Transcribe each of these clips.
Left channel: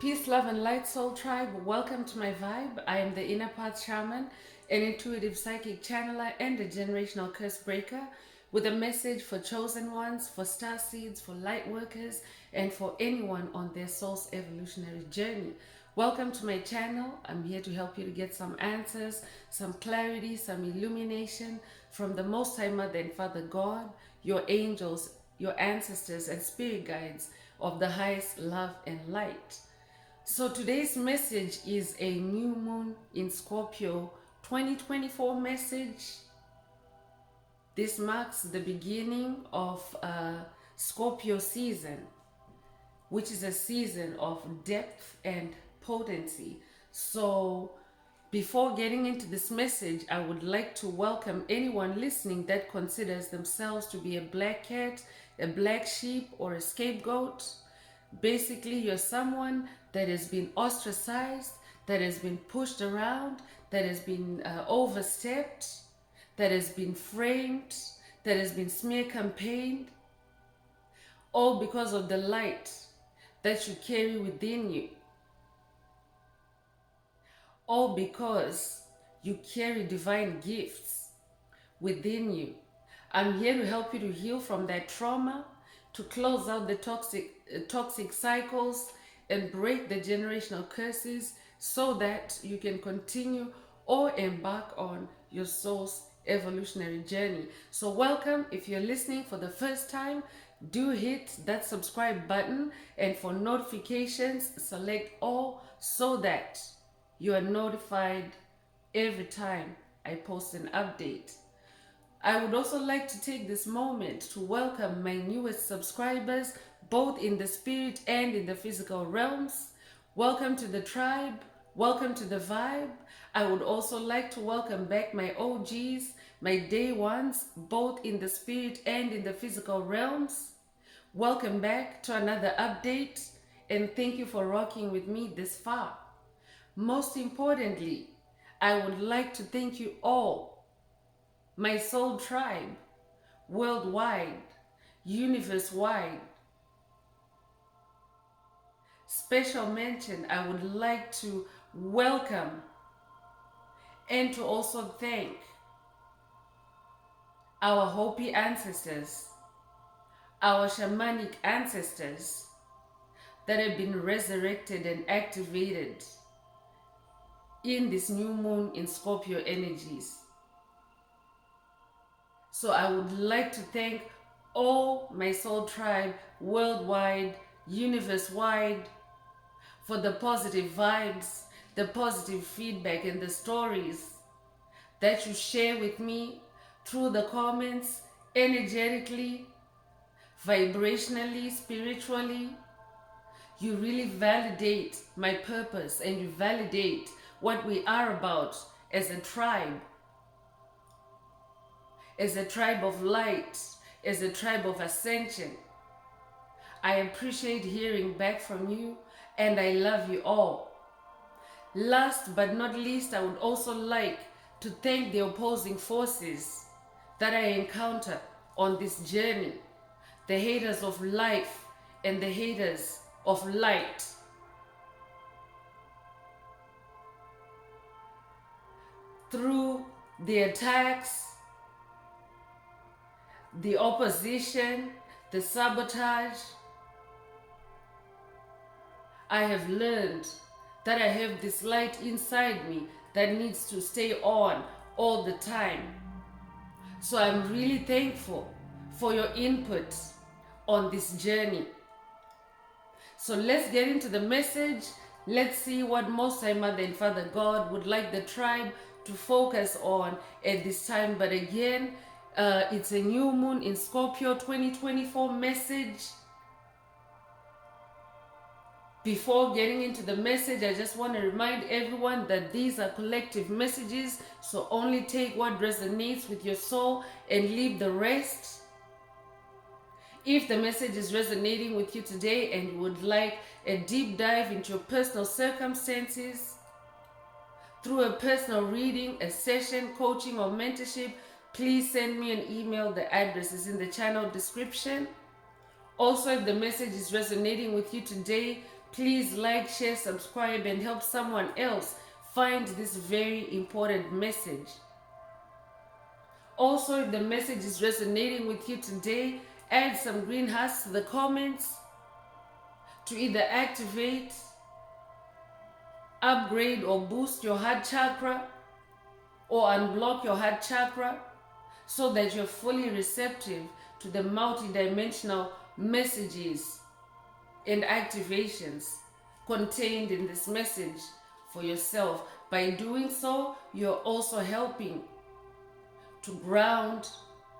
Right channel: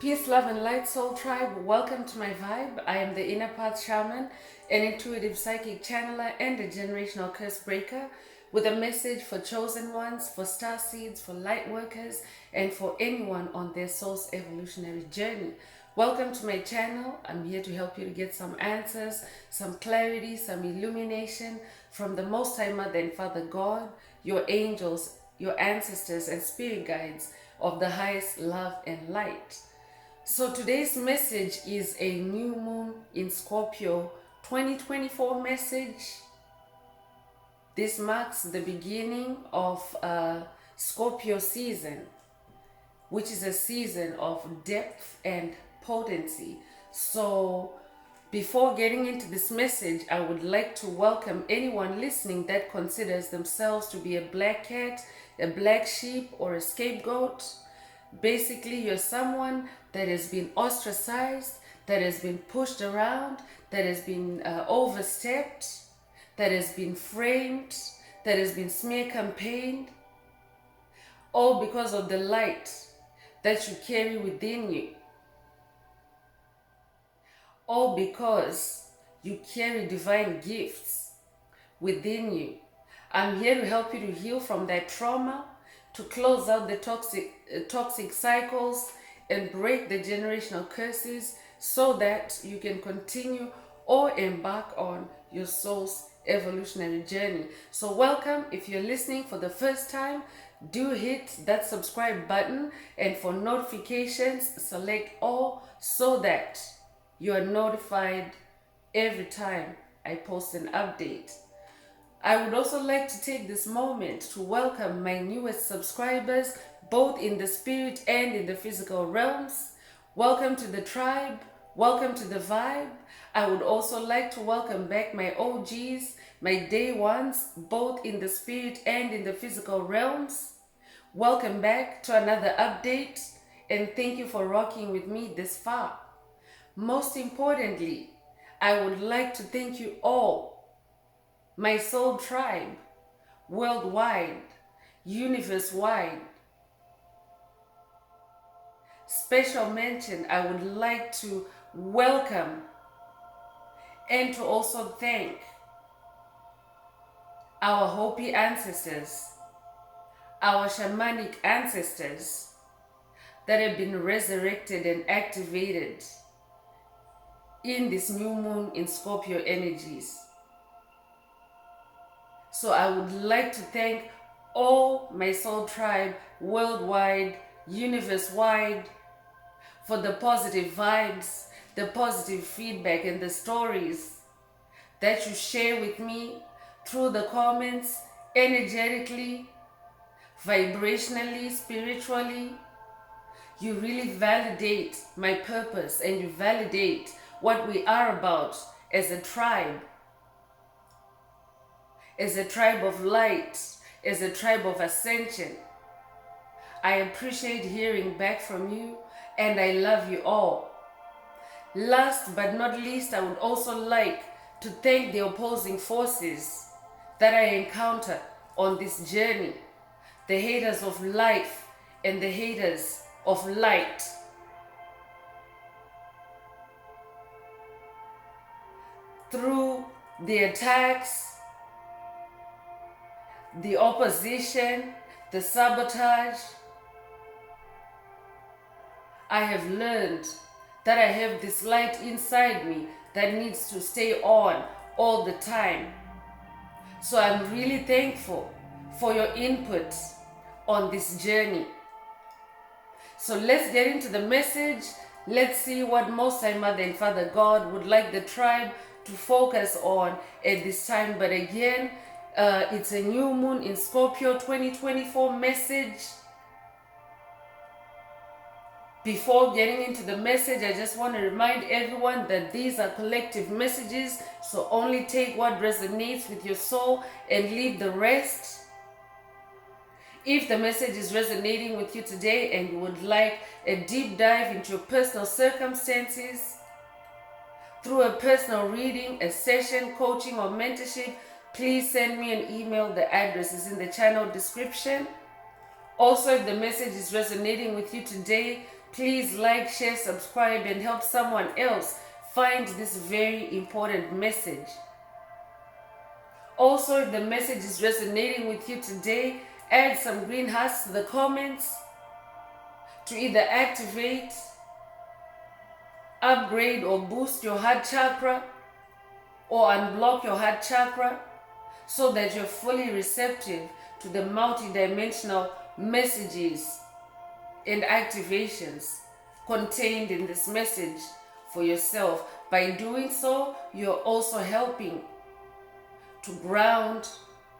Peace, love, and light, soul tribe. Welcome to my vibe. I am the Inner Path Shaman, an intuitive psychic channeler, and a generational curse breaker with a message for chosen ones, for star seeds, for light workers, and for anyone on their soul's evolutionary journey. Welcome to my channel. I'm here to help you to get some answers, some clarity, some illumination from the Most High Mother and Father God, your angels, your ancestors, and spirit guides of the highest love and light. So today's message is a new moon in Scorpio 2024 message. This marks the beginning of Scorpio season, which is a season of depth and potency. So before getting into this message, I would like to welcome anyone listening that considers themselves to be a black cat, a black sheep, or a scapegoat. Basically, you're someone that has been ostracized, that has been pushed around, that has been overstepped, that has been framed, that has been smear campaigned, all because of the light that you carry within you, all because you carry divine gifts within you. I'm here to help you to heal from that trauma, to close out the toxic cycles and break the generational curses so that you can continue or embark on your soul's evolutionary journey. So welcome. If you're listening for the first time, do hit that subscribe button, and for notifications, select all so that you are notified every time I post an update. I would also like to take this moment to welcome my newest subscribers, both in the spirit and in the physical realms. Welcome to the tribe. Welcome to the vibe. I would also like to welcome back my OGs, my day ones, both in the spirit and in the physical realms. Welcome back to another update, and thank you for rocking with me this far. Most importantly, I would like to thank you all, my soul tribe, worldwide, universe-wide. Special mention, I would like to welcome and to also thank our Hopi ancestors, our shamanic ancestors that have been resurrected and activated in this new moon in Scorpio energies. So I would like to thank all my soul tribe worldwide, universe-wide, for the positive vibes, the positive feedback, and the stories that you share with me through the comments, energetically, vibrationally, spiritually. You really validate my purpose, and you validate what we are about as a tribe of light, as a tribe of ascension. I appreciate hearing back from you, and I love you all. Last but not least, I would also like to thank the opposing forces that I encounter on this journey, the haters of life and the haters of light. Through the attacks, the opposition, the sabotage, I have learned that I have this light inside me that needs to stay on all the time. So I'm really thankful for your input on this journey. So let's get into the message. Let's see what Most High Mother and Father God would like the tribe to focus on at this time. But again, it's a new moon in Scorpio 2024 message. Before getting into the message, I just want to remind everyone that these are collective messages, so only take what resonates with your soul and leave the rest. If the message is resonating with you today and you would like a deep dive into your personal circumstances through a personal reading, a session, coaching, or mentorship, please send me an email. The address is in the channel description. Also, if the message is resonating with you today, Please like, share, subscribe, and help someone else find this very important message. Also, if the message is resonating with you today, add some green hearts to the comments to either activate, upgrade, or boost your heart chakra, or unblock your heart chakra, so that you're fully receptive to the multidimensional messages and activations contained in this message for yourself. By doing so, you're also helping to ground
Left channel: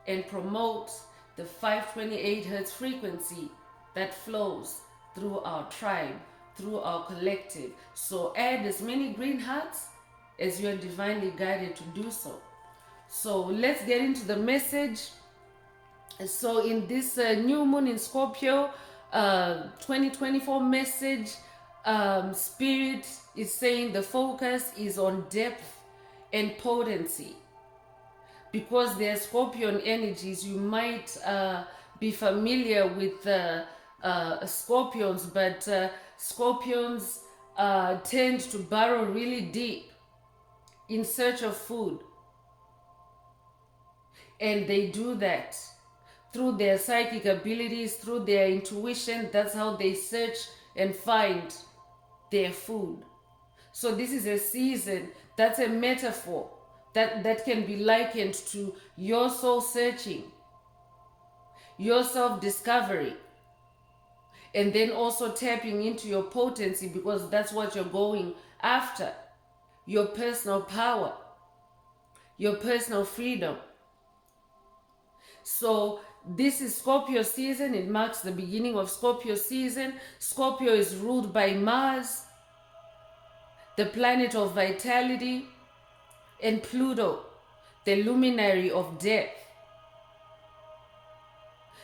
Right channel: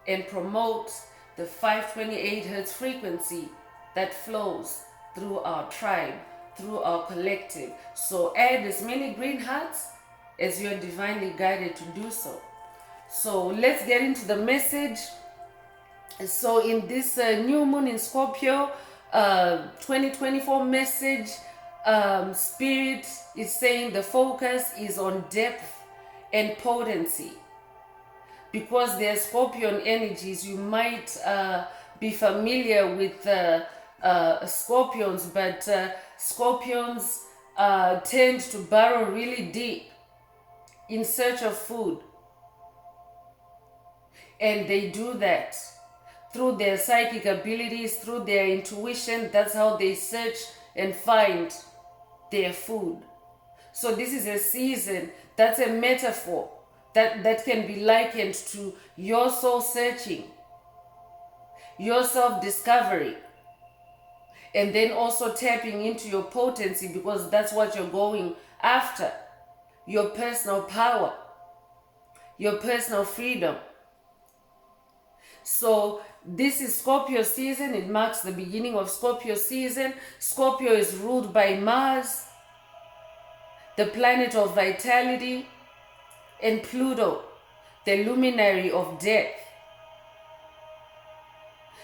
and promote the 528 Hz frequency that flows through our tribe, through our collective. So add as many green hearts as you're divinely guided to do so. So let's get into the message. So in this new moon in Scorpio 2024 message, Spirit is saying the focus is on depth and potency. Because they're Scorpion energies, you might be familiar with Scorpions, but Scorpions tend to burrow really deep in search of food. And they do that through their psychic abilities, through their intuition. That's how they search and find their food. So this is a season, that's a metaphor that can be likened to your soul searching, your self-discovery, and then also tapping into your potency, because that's what you're going after. Your personal power, your personal freedom. So this is Scorpio season. It marks the beginning of Scorpio season. Scorpio is ruled by Mars, the planet of vitality, and Pluto, the luminary of death.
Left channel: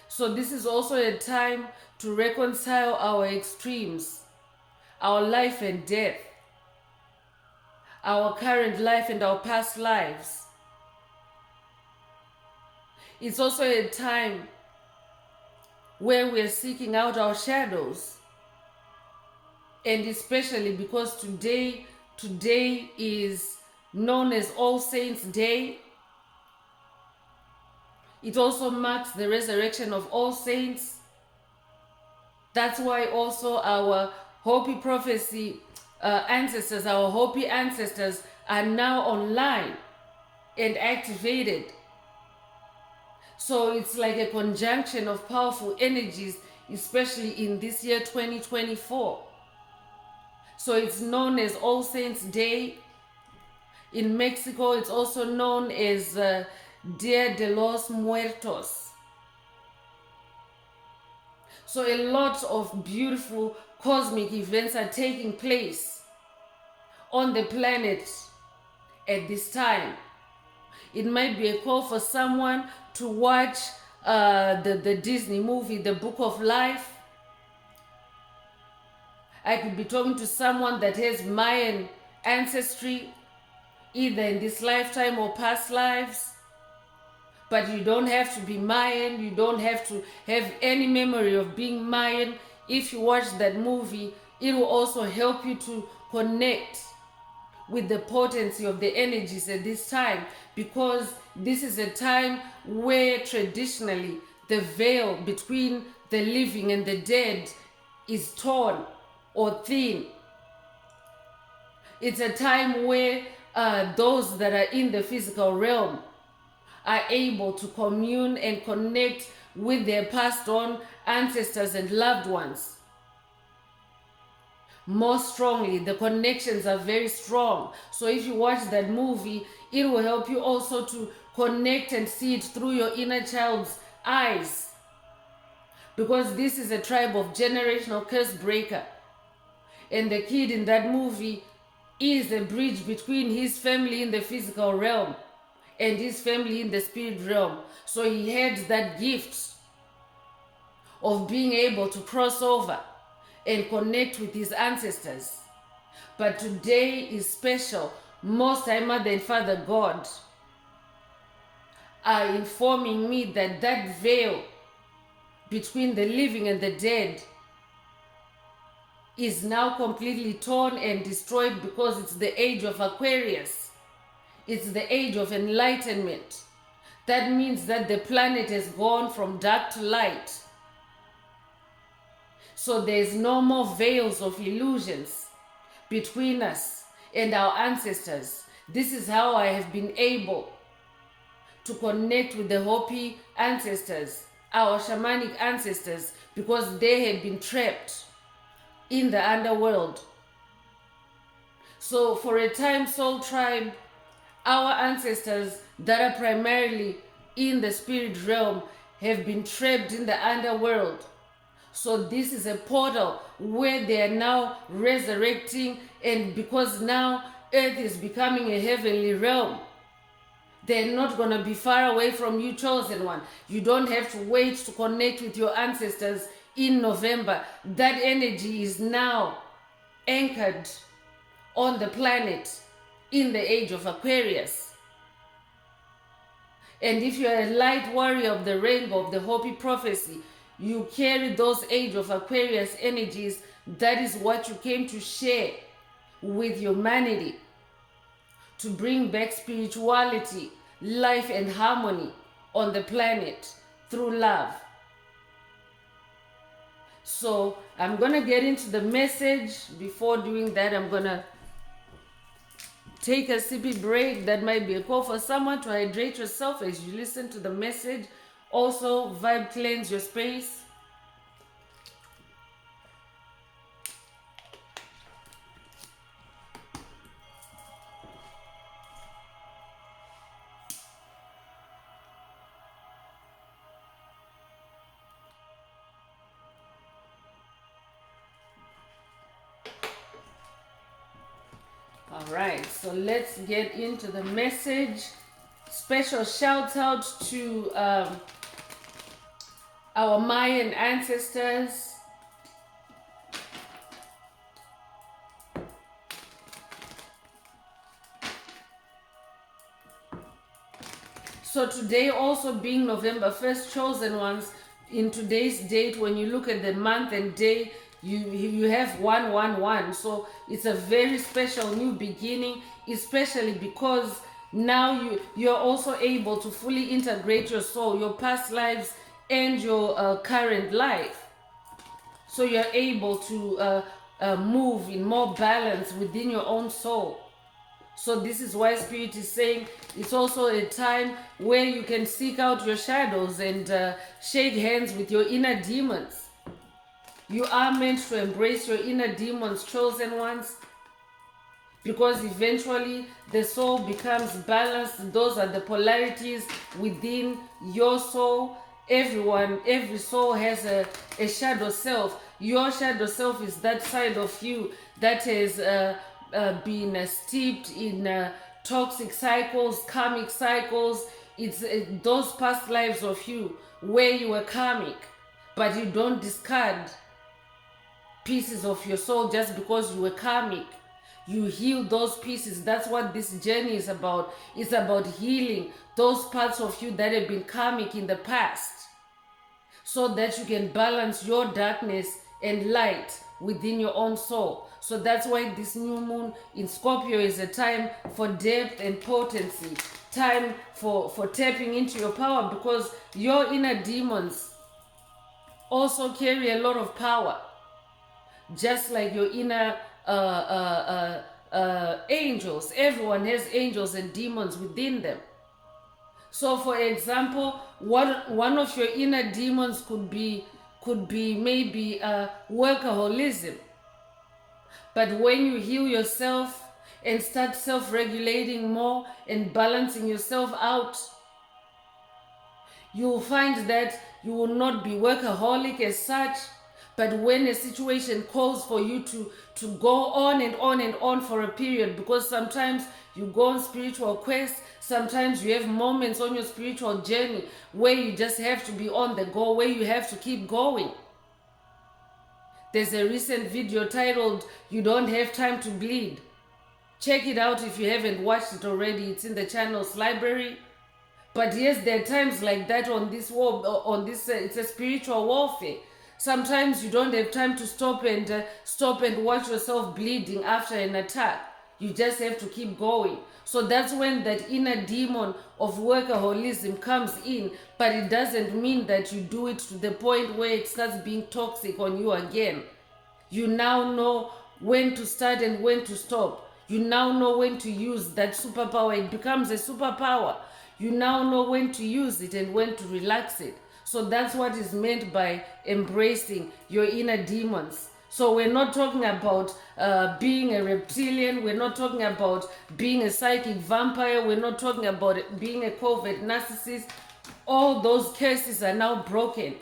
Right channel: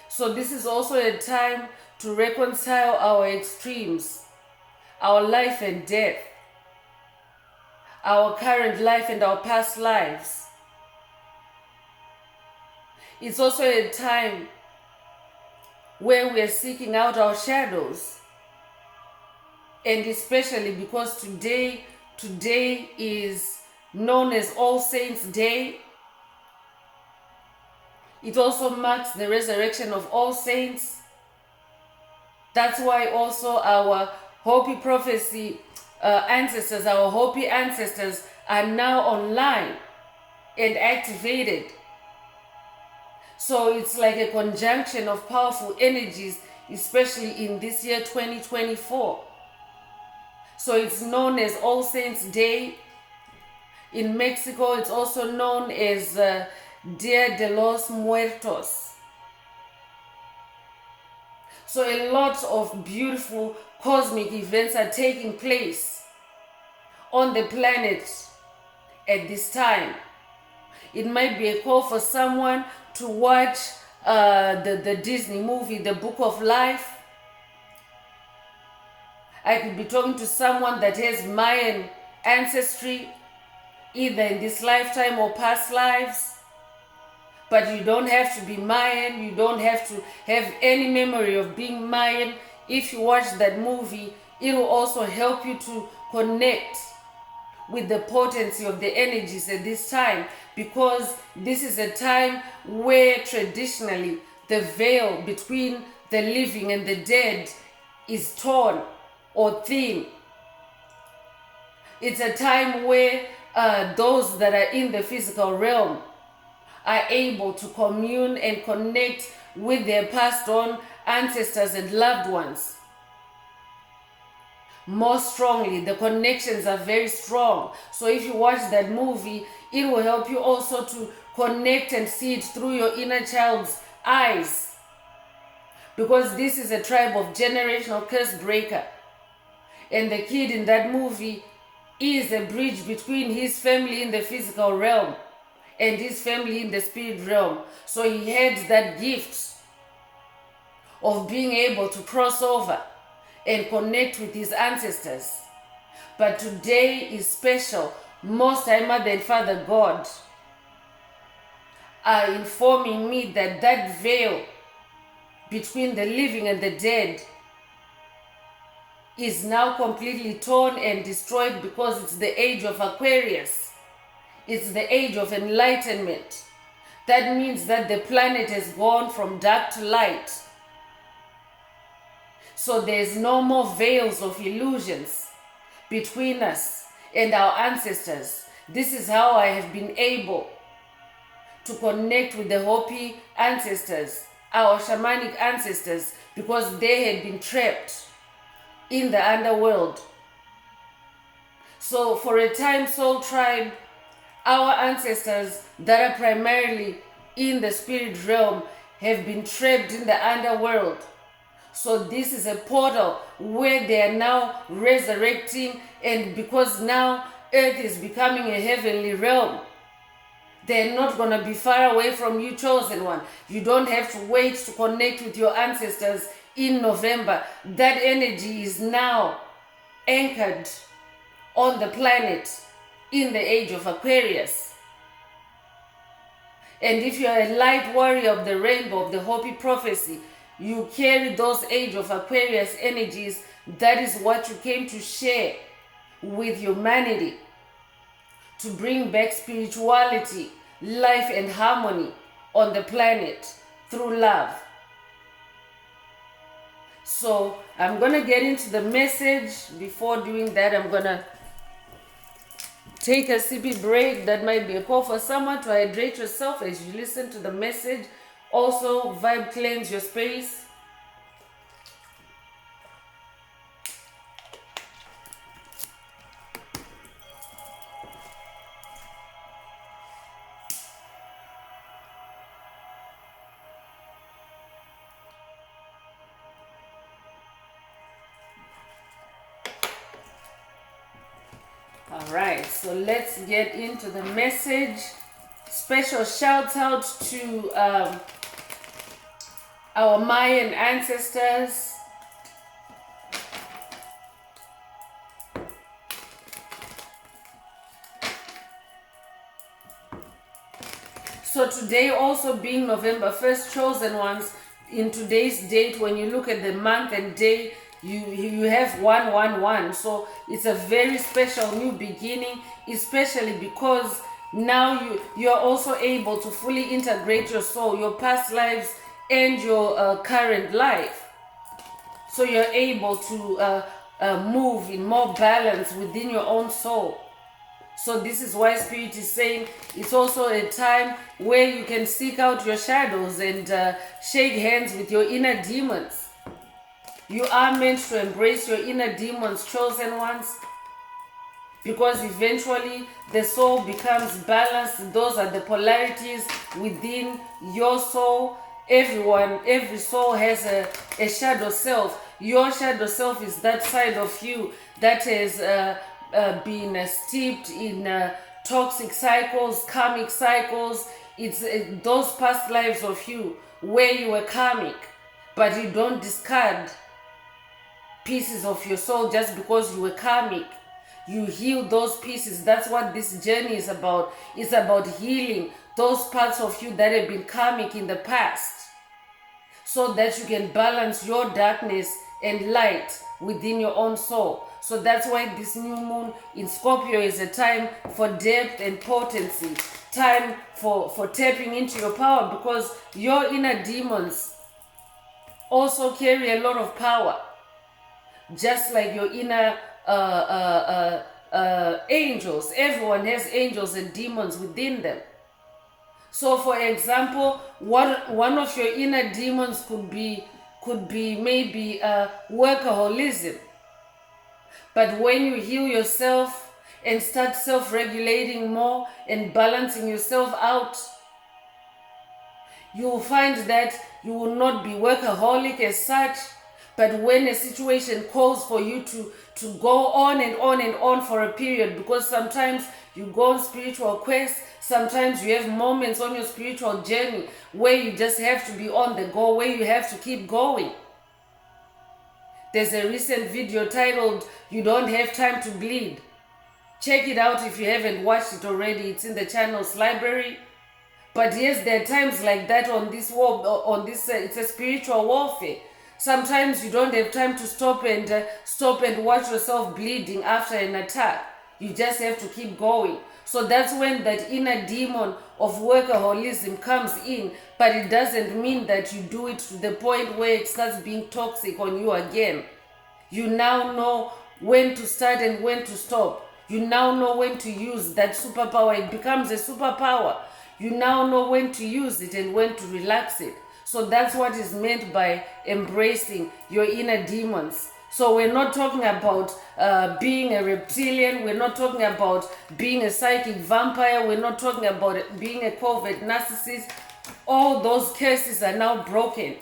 So this is also a time to reconcile our extremes, our life and death, our current life and our past lives. It's also a time where we are seeking out our shadows. And especially because today is known as All Saints Day. It also marks the resurrection of all saints. That's why also our Hopi prophecy ancestors, our Hopi ancestors are now online and activated. So it's like a conjunction of powerful energies, especially in this year 2024. So it's known as All Saints Day. In Mexico, it's also known as Dia de los Muertos. So a lot of beautiful cosmic events are taking place on the planet at this time. It might be a call for someone to watch the Disney movie, The Book of Life. I could be talking to someone that has Mayan ancestry, either in this lifetime or past lives. But you don't have to be Mayan. You don't have to have any memory of being Mayan. If you watch that movie, it will also help you to connect with the potency of the energies at this time, because this is a time where traditionally the veil between the living and the dead is torn or thin. It's a time where those that are in the physical realm are able to commune and connect with their passed on ancestors and loved ones more strongly. The connections are very strong. So if you watch that movie, it will help you also to connect and see it through your inner child's eyes, because this is a tribe of generational curse breaker, and the kid in that movie is a bridge between his family in the physical realm and his family in the spirit realm. So he had that gift of being able to cross over and connect with his ancestors. But today is special. Most High Mother and Father God are informing me that that veil between the living and the dead is now completely torn and destroyed because it's the age of Aquarius. It's the age of enlightenment. That means that the planet has gone from dark to light. So there's no more veils of illusions between us and our ancestors. This is how I have been able to connect with the Hopi ancestors, our shamanic ancestors, because they had been trapped in the underworld. So for a time, Soul Tribe, our ancestors that are primarily in the spirit realm have been trapped in the underworld. So this is a portal where they are now resurrecting, and because now earth is becoming a heavenly realm, they're not going to be far away from you, chosen one. You don't have to wait to connect with your ancestors in November. That energy is now anchored on the planet in the age of Aquarius. And if you're a light warrior of the rainbow, of the Hopi prophecy, you carry those age of Aquarius energies. That is what you came to share with humanity, to bring back spirituality, life, and harmony on the planet through love. So I'm going to get into the message. Before doing that, I'm going to take a sippy break. That might be a call for someone to hydrate yourself as you listen to the message. Also, vibe cleanse your space. All right, so let's get into the message. Special shout out to our Mayan ancestors. So today also being November 1st, chosen ones, in today's date, when you look at the month and day, you have 111. So it's a very special new beginning, especially because now you're also able to fully integrate your soul, your past lives, and your current life. So you're able to move in more balance within your own soul. So this is why Spirit is saying it's also a time where you can seek out your shadows and shake hands with your inner demons. You are meant to embrace your inner demons, chosen ones, because eventually the soul becomes balanced. Those are the polarities within your soul. Every soul has a shadow self. Your shadow self is that side of you that has been steeped in toxic cycles, karmic cycles. It's those past lives of you where you were karmic, but you don't discard pieces of your soul just because you were karmic. You heal those pieces. That's what this journey is about. It's about healing those parts of you that have been karmic in the past, so that you can balance your darkness and light within your own soul. So that's why this new moon in Scorpio is a time for depth and potency, time for tapping into your power, because your inner demons also carry a lot of power, just like your inner angels. Everyone has angels and demons within them. So for example, one of your inner demons could be maybe workaholism. But when you heal yourself and start self-regulating more and balancing yourself out, you will find that you will not be workaholic as such. But when a situation calls for you to go on and on and on for a period, because sometimes you go on spiritual quests, sometimes you have moments on your spiritual journey where you just have to be on the go, where you have to keep going. There's a recent video titled, "You Don't Have Time to Bleed." Check it out if you haven't watched it already. It's in the channel's library. But yes, there are times like that on this war, it's a spiritual warfare. Sometimes you don't have time to stop and watch yourself bleeding after an attack. You just have to keep going. So that's when that inner demon of workaholism comes in, but it doesn't mean that you do it to the point where it starts being toxic on you again. You now know when to start and when to stop. You now know when to use that superpower. It becomes a superpower. You now know when to use it and when to relax it. So that's what is meant by embracing your inner demons. So we're not talking about being a reptilian. We're not talking about being a psychic vampire. We're not talking about being a covert narcissist. All those cases are now broken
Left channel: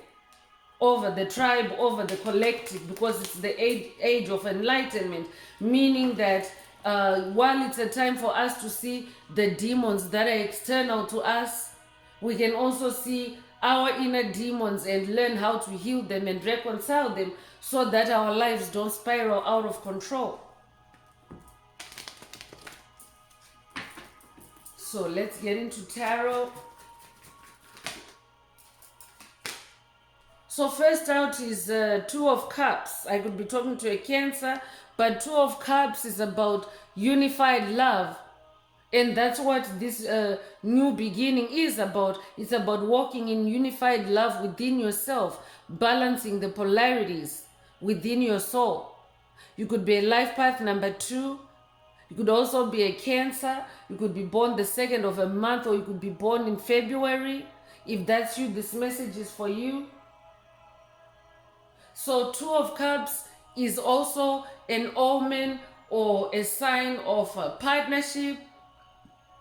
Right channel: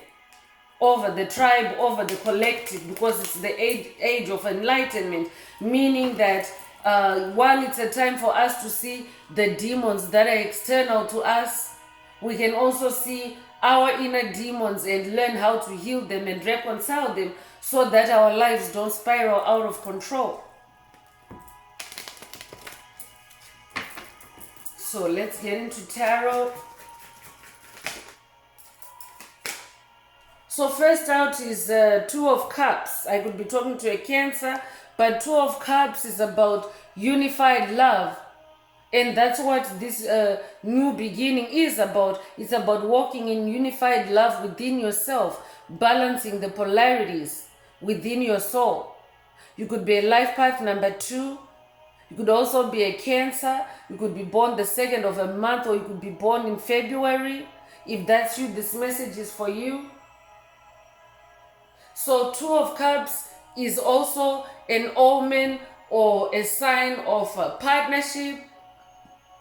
over the tribe, over the collective, because it's the age of enlightenment, meaning that while it's a time for us to see the demons that are external to us, we can also see our inner demons and learn how to heal them and reconcile them so that our lives don't spiral out of control. So let's get into tarot. So first out is Two of Cups. I could be talking to a Cancer, but Two of Cups is about unified love. And that's what this new beginning is about. It's about walking in unified love within yourself, balancing the polarities within your soul. You could be a life path number 2. You could also be a Cancer. You could be born the 2nd of a month, or you could be born in February. If that's you, this message is for you. So Two of Cups is also an omen or a sign of a partnership.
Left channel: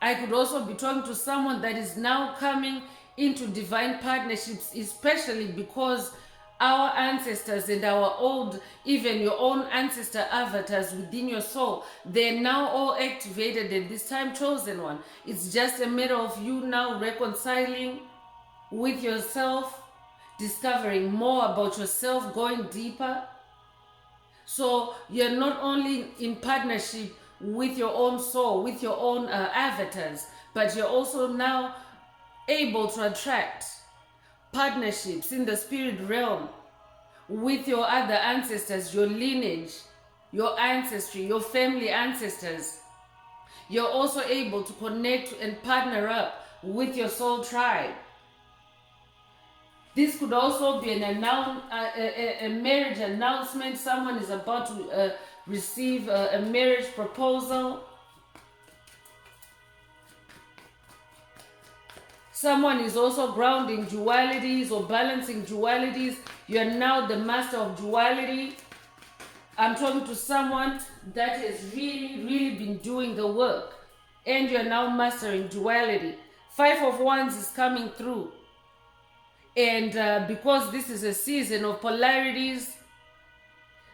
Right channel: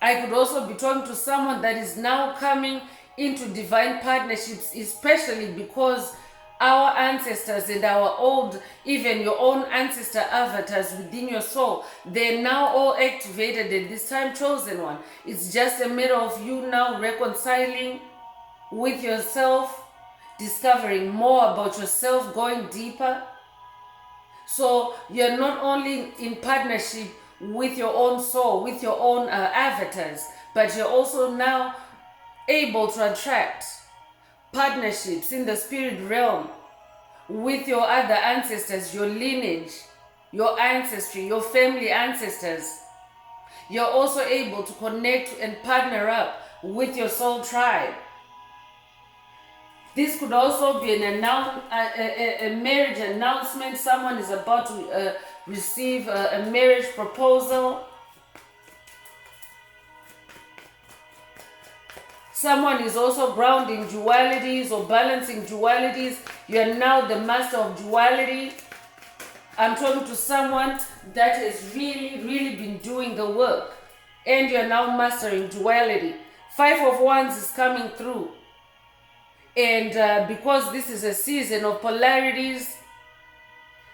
I could also be talking to someone that is now coming into divine partnerships, especially because our ancestors and our old, even your own ancestor avatars within your soul, they're now all activated at this time, chosen one. It's just a matter of you now reconciling with yourself, discovering more about yourself, going deeper. So you're not only in partnership with your own soul, with your own avatars, but you're also now able to attract partnerships in the spirit realm with your other ancestors, your lineage, your ancestry, your family ancestors. You're also able to connect and partner up with your soul tribe. This could also be a marriage announcement. Someone is about to receive a marriage proposal. Someone is also grounding dualities or balancing dualities. You are now the master of duality. I'm talking to someone that has really been doing the work, and you are now mastering duality. 5 of Wands is coming through. And because this is a season of polarities,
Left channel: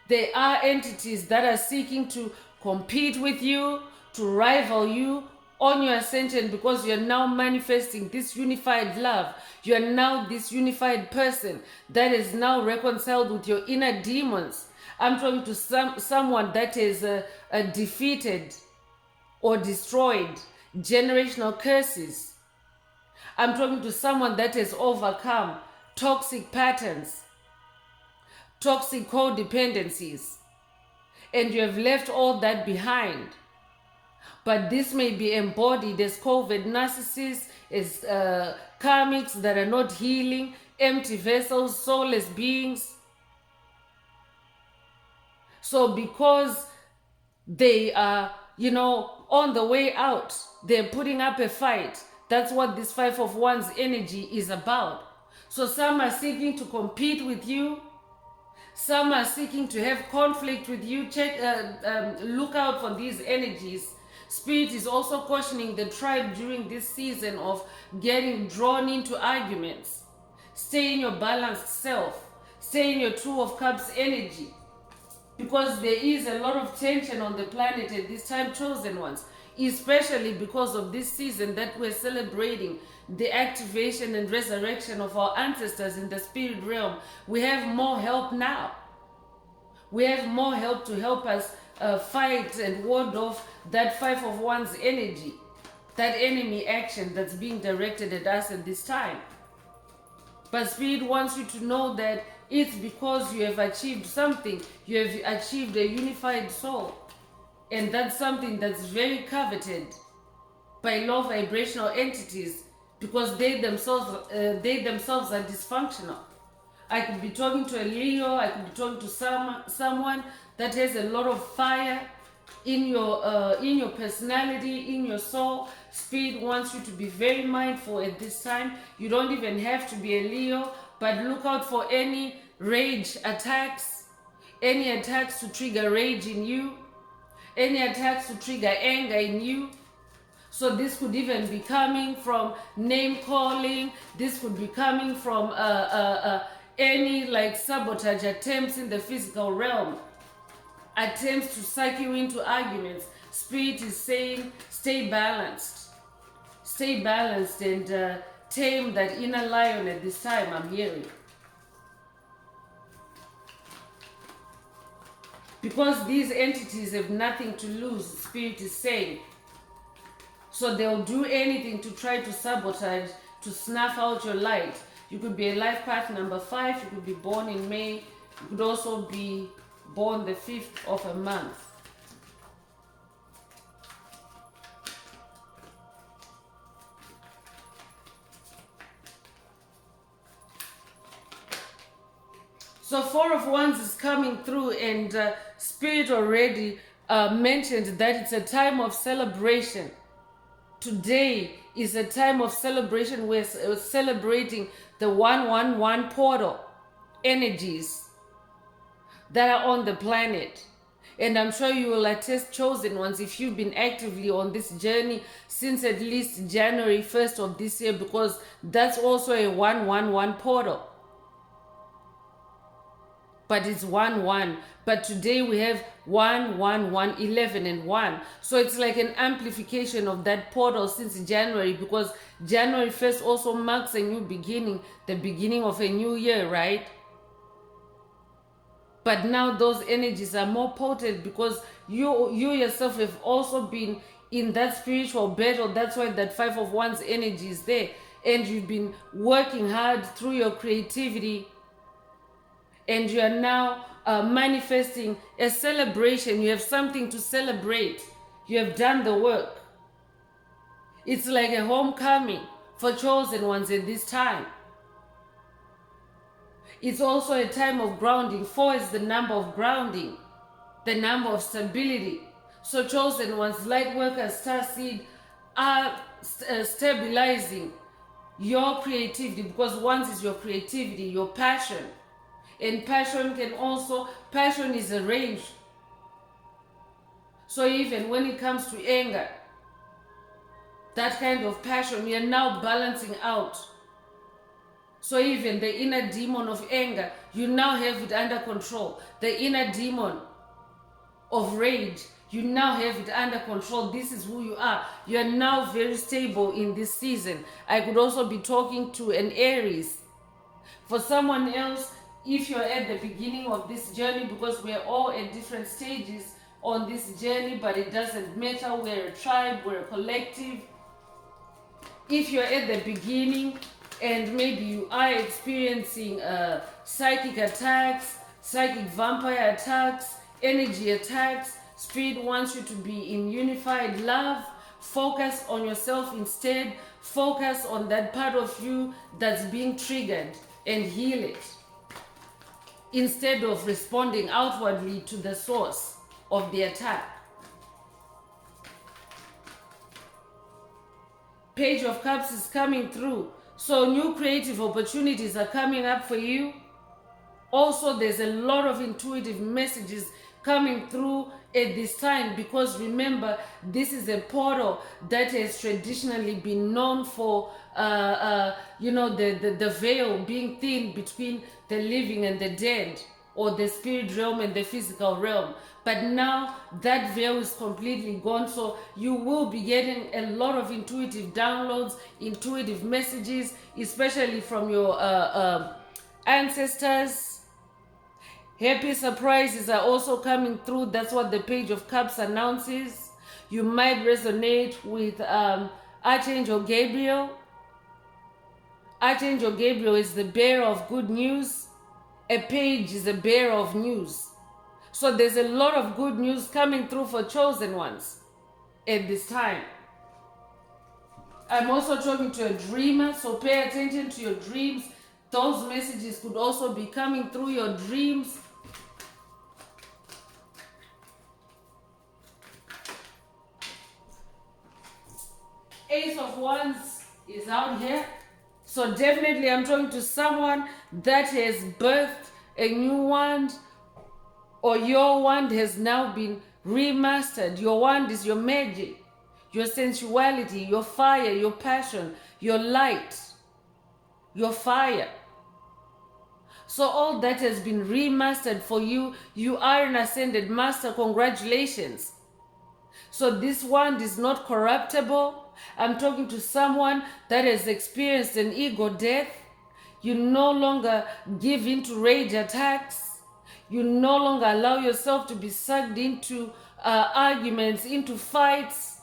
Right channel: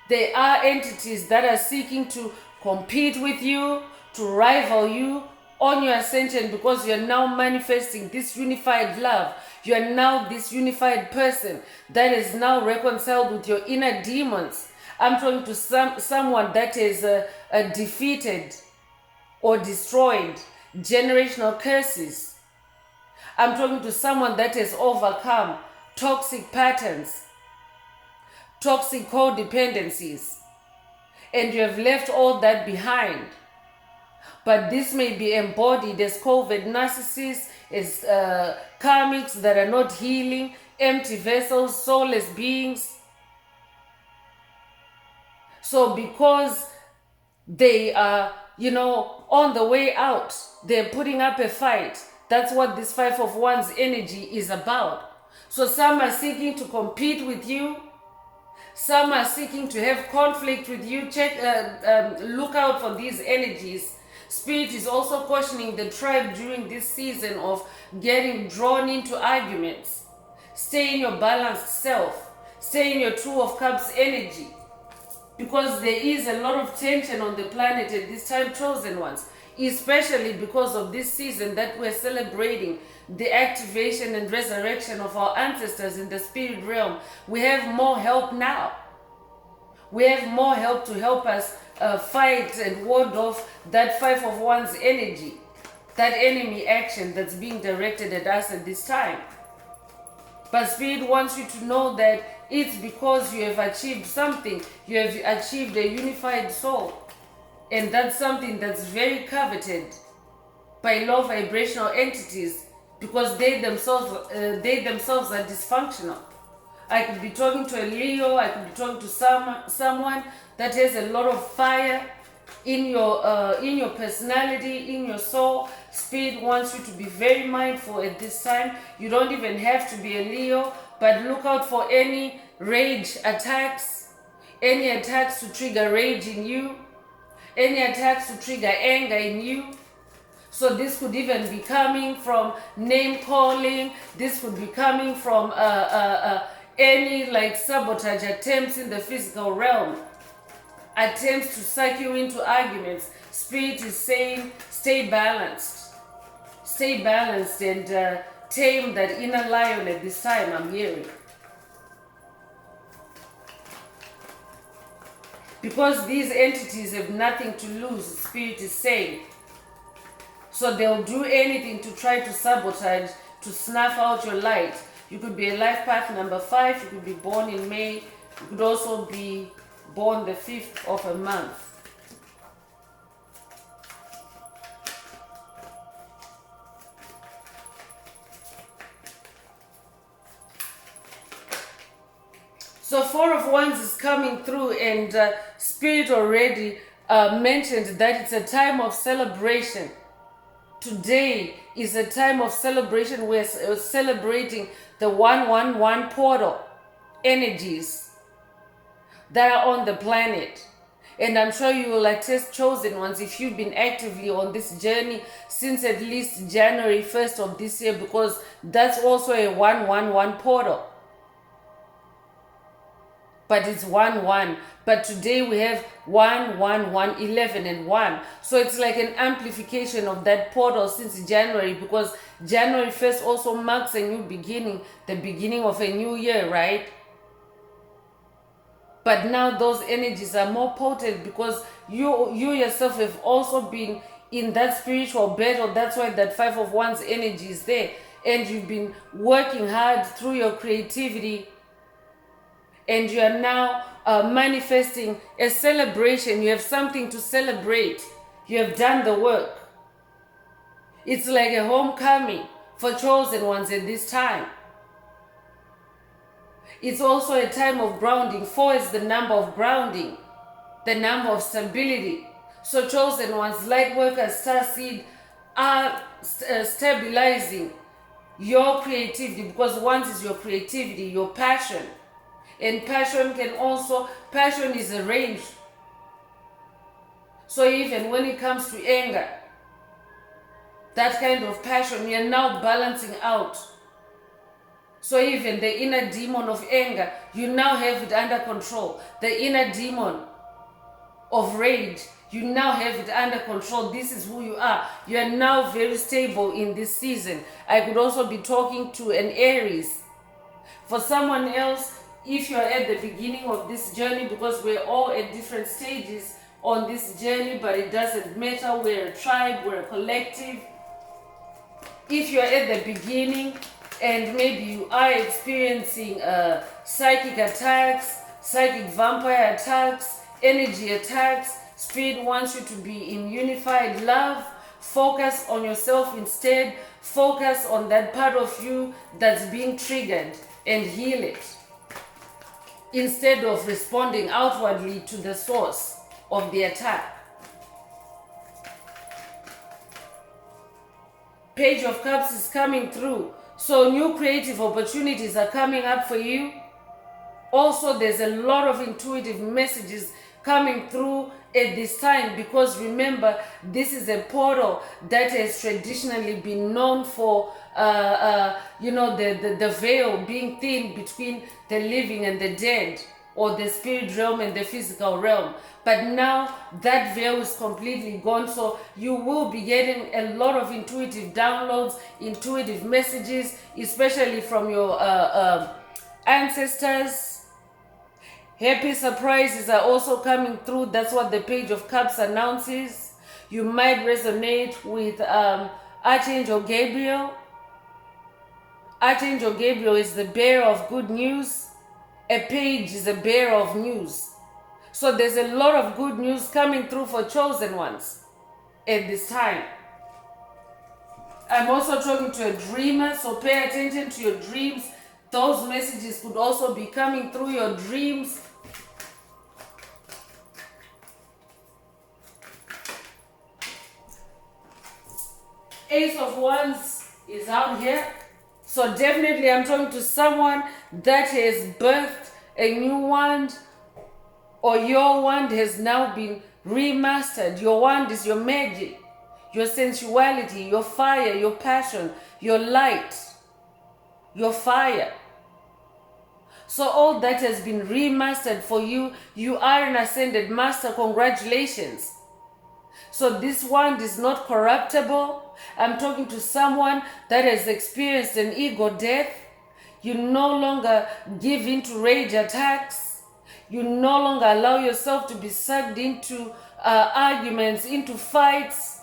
there are entities that are seeking to compete with you, to rival you on your ascension, because you're now manifesting this unified love. You're now this unified person that is now reconciled with your inner demons. I'm talking to someone that is defeated or destroyed generational curses. I'm talking to someone that has overcome toxic patterns, toxic codependencies, and you have left all that behind. But this may be embodied as covert narcissists, as karmics that are not healing, empty vessels, soulless beings. So because they are, on the way out, they're putting up a fight. That's what this 5 of Wands energy is about. So some are seeking to compete with you. Some are seeking to have conflict with you. Look out for these energies. Spirit is also cautioning the tribe during this season of getting drawn into arguments. Stay in your balanced self. Stay in your Two of Cups energy. Because there is a lot of tension on the planet at this time, chosen ones. Especially because of this season that we're celebrating the activation and resurrection of our ancestors in the spirit realm. We have more help now. We have more help to help us fight and ward off that 5 of Wands energy, that enemy action that's being directed at us at this time. But Spirit wants you to know that it's because you have achieved something. You have achieved a unified soul. And that's something that's very coveted by low vibrational entities, because they themselves are dysfunctional. I could be talking to a Leo, I could be talking to someone that has a lot of fire in your personality, in your soul. Spirit wants you to be very mindful at this time. You don't even have to be a Leo, but look out for any rage attacks, any attacks to trigger rage in you, any attacks to trigger anger in you. So this could even be coming from name calling. This could be coming from any like sabotage attempts in the physical realm, attempts to suck you into arguments. Spirit is saying, stay balanced and tame that inner lion at this time. I'm hearing, because these entities have nothing to lose. Spirit is saying, so they'll do anything to try to sabotage, to snuff out your light. You could be a life path number 5. You could be born in May. You could also be born the 5th of a month. So 4 of Wands is coming through, and Spirit already mentioned that it's a time of celebration. Today is a time of celebration. We're celebrating the 111 portal energies that are on the planet. And I'm sure you will attest, chosen ones, if you've been actively on this journey since at least January 1st of this year, because that's also a 111 portal. But it's 1-1. But today we have 1, 1, 1, 11, and 1. So it's like an amplification of that portal since January, because January 1st also marks a new beginning, the beginning of a new year, right? But now those energies are more potent because you yourself have also been in that spiritual battle. That's why that 5 of Wands energy is there. And you've been working hard through your creativity, and you are now manifesting a celebration. You have something to celebrate. You have done the work. It's like a homecoming for chosen ones at this time. It's also a time of grounding. 4 is the number of grounding, the number of stability. So chosen ones, light workers, starseed, are stabilizing your creativity, because Wands is your creativity, your passion. And passion is a range. So even when it comes to anger, that kind of passion, you're now balancing out. So even the inner demon of anger, you now have it under control. The inner demon of rage, you now have it under control. This is who you are. You are now very stable in this season. I could also be talking to an Aries. For someone else, if you're at the beginning of this journey, because we're all at different stages on this journey, but it doesn't matter. We're a tribe, we're a collective. If you're at the beginning and maybe you are experiencing psychic attacks, psychic vampire attacks, energy attacks, Spirit wants you to be in unified love. Focus on yourself instead. Focus on that part of you that's being triggered and heal it, instead of responding outwardly to the source of the attack. Page of Cups is coming through. So new creative opportunities are coming up for you. Also, there's a lot of intuitive messages coming through at this time, because remember, this is a portal that has traditionally been known for the veil being thin between the living and the dead, or the spirit realm and the physical realm. But now that veil is completely gone, so you will be getting a lot of intuitive downloads, intuitive messages, especially from your ancestors. Happy surprises are also coming through. That's what the Page of Cups announces. You might resonate with Archangel Gabriel. Archangel Gabriel is the bearer of good news. A page is the bearer of news. So there's a lot of good news coming through for chosen ones at this time. I'm also talking to a dreamer, so pay attention to your dreams. Those messages could also be coming through your dreams. Ace of Wands is out here. So definitely I'm talking to someone that has birthed a new wand, or your wand has now been remastered. Your wand is your magic, your sensuality, your fire, your passion, your light, your fire. So all that has been remastered for you. You are an ascended master. Congratulations. So this wand is not corruptible. I'm talking to someone that has experienced an ego death. You no longer give in to rage attacks. You no longer allow yourself to be sucked into arguments, into fights,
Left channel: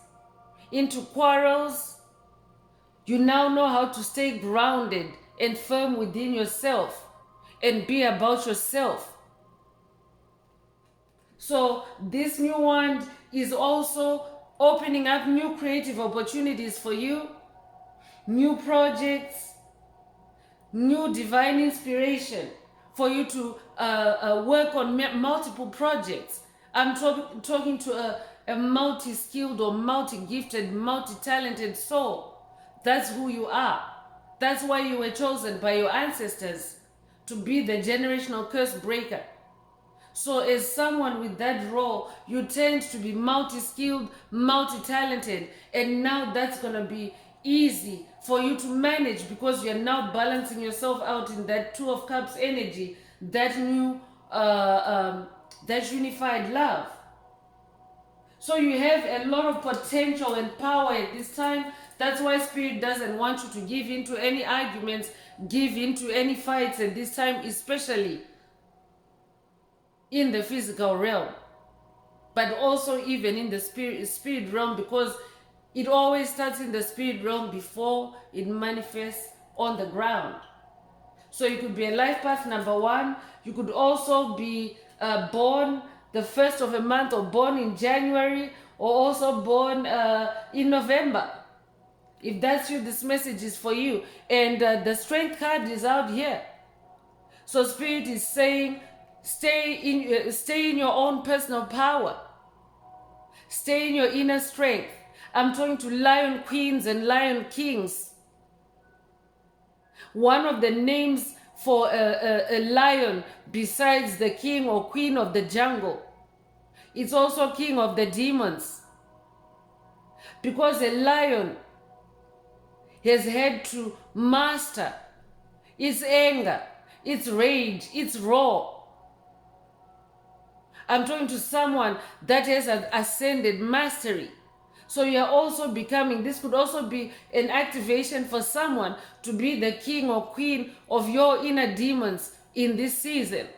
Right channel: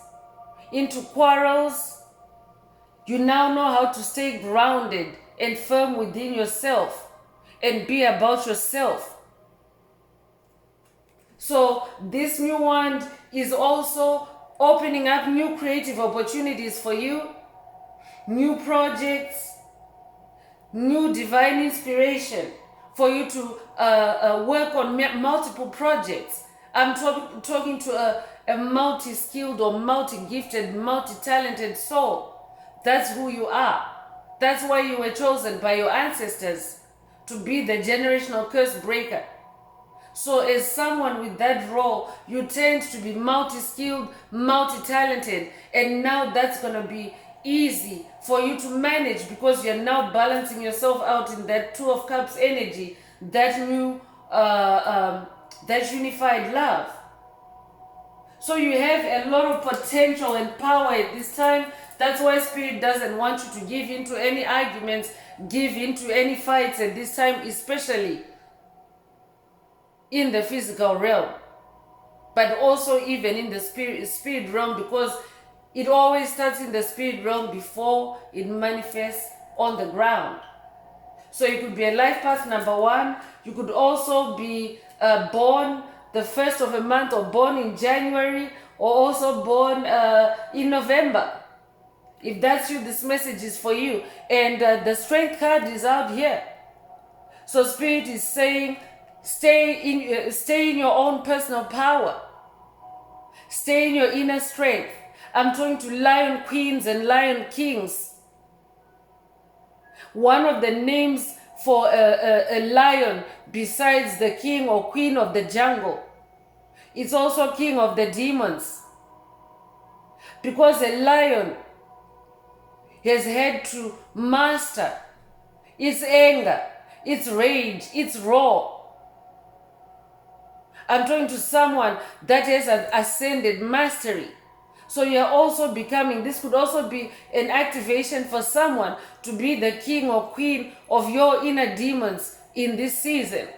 into quarrels. You now know how to stay grounded and firm within yourself and be about yourself. So this new wand is also opening up new creative opportunities for you, new projects, new divine inspiration for you to work on multiple projects. I'm talking to a multi-skilled or multi-gifted, multi-talented soul. That's who you are. That's why you were chosen by your ancestors to be the generational curse breaker. So as someone with that role, you tend to be multi-skilled, multi-talented, and now that's going to be easy for you to manage because you're now balancing yourself out in that Two of Cups energy, that new, that unified love. So you have a lot of potential and power at this time. That's why Spirit doesn't want you to give into any arguments, give into any fights at this time, especially in the physical realm, but also even in the spirit realm, because it always starts in the spirit realm before it manifests on the ground. So you could be a life path number 1. You could also be born the first of a month, or born in January, or also born in November. If that's you, this message is for you. And the strength card is out here. So Spirit is saying, stay in your own personal power. Stay in your inner strength. I'm talking to lion queens and lion kings. One of the names for a lion, besides the king or queen of the jungle, it's also king of the demons. Because a lion has had to master its anger, its rage, its roar. I'm talking to someone that has an ascended mastery. So you're also becoming, this could also be an activation for someone to be the king or queen of your inner demons in this season.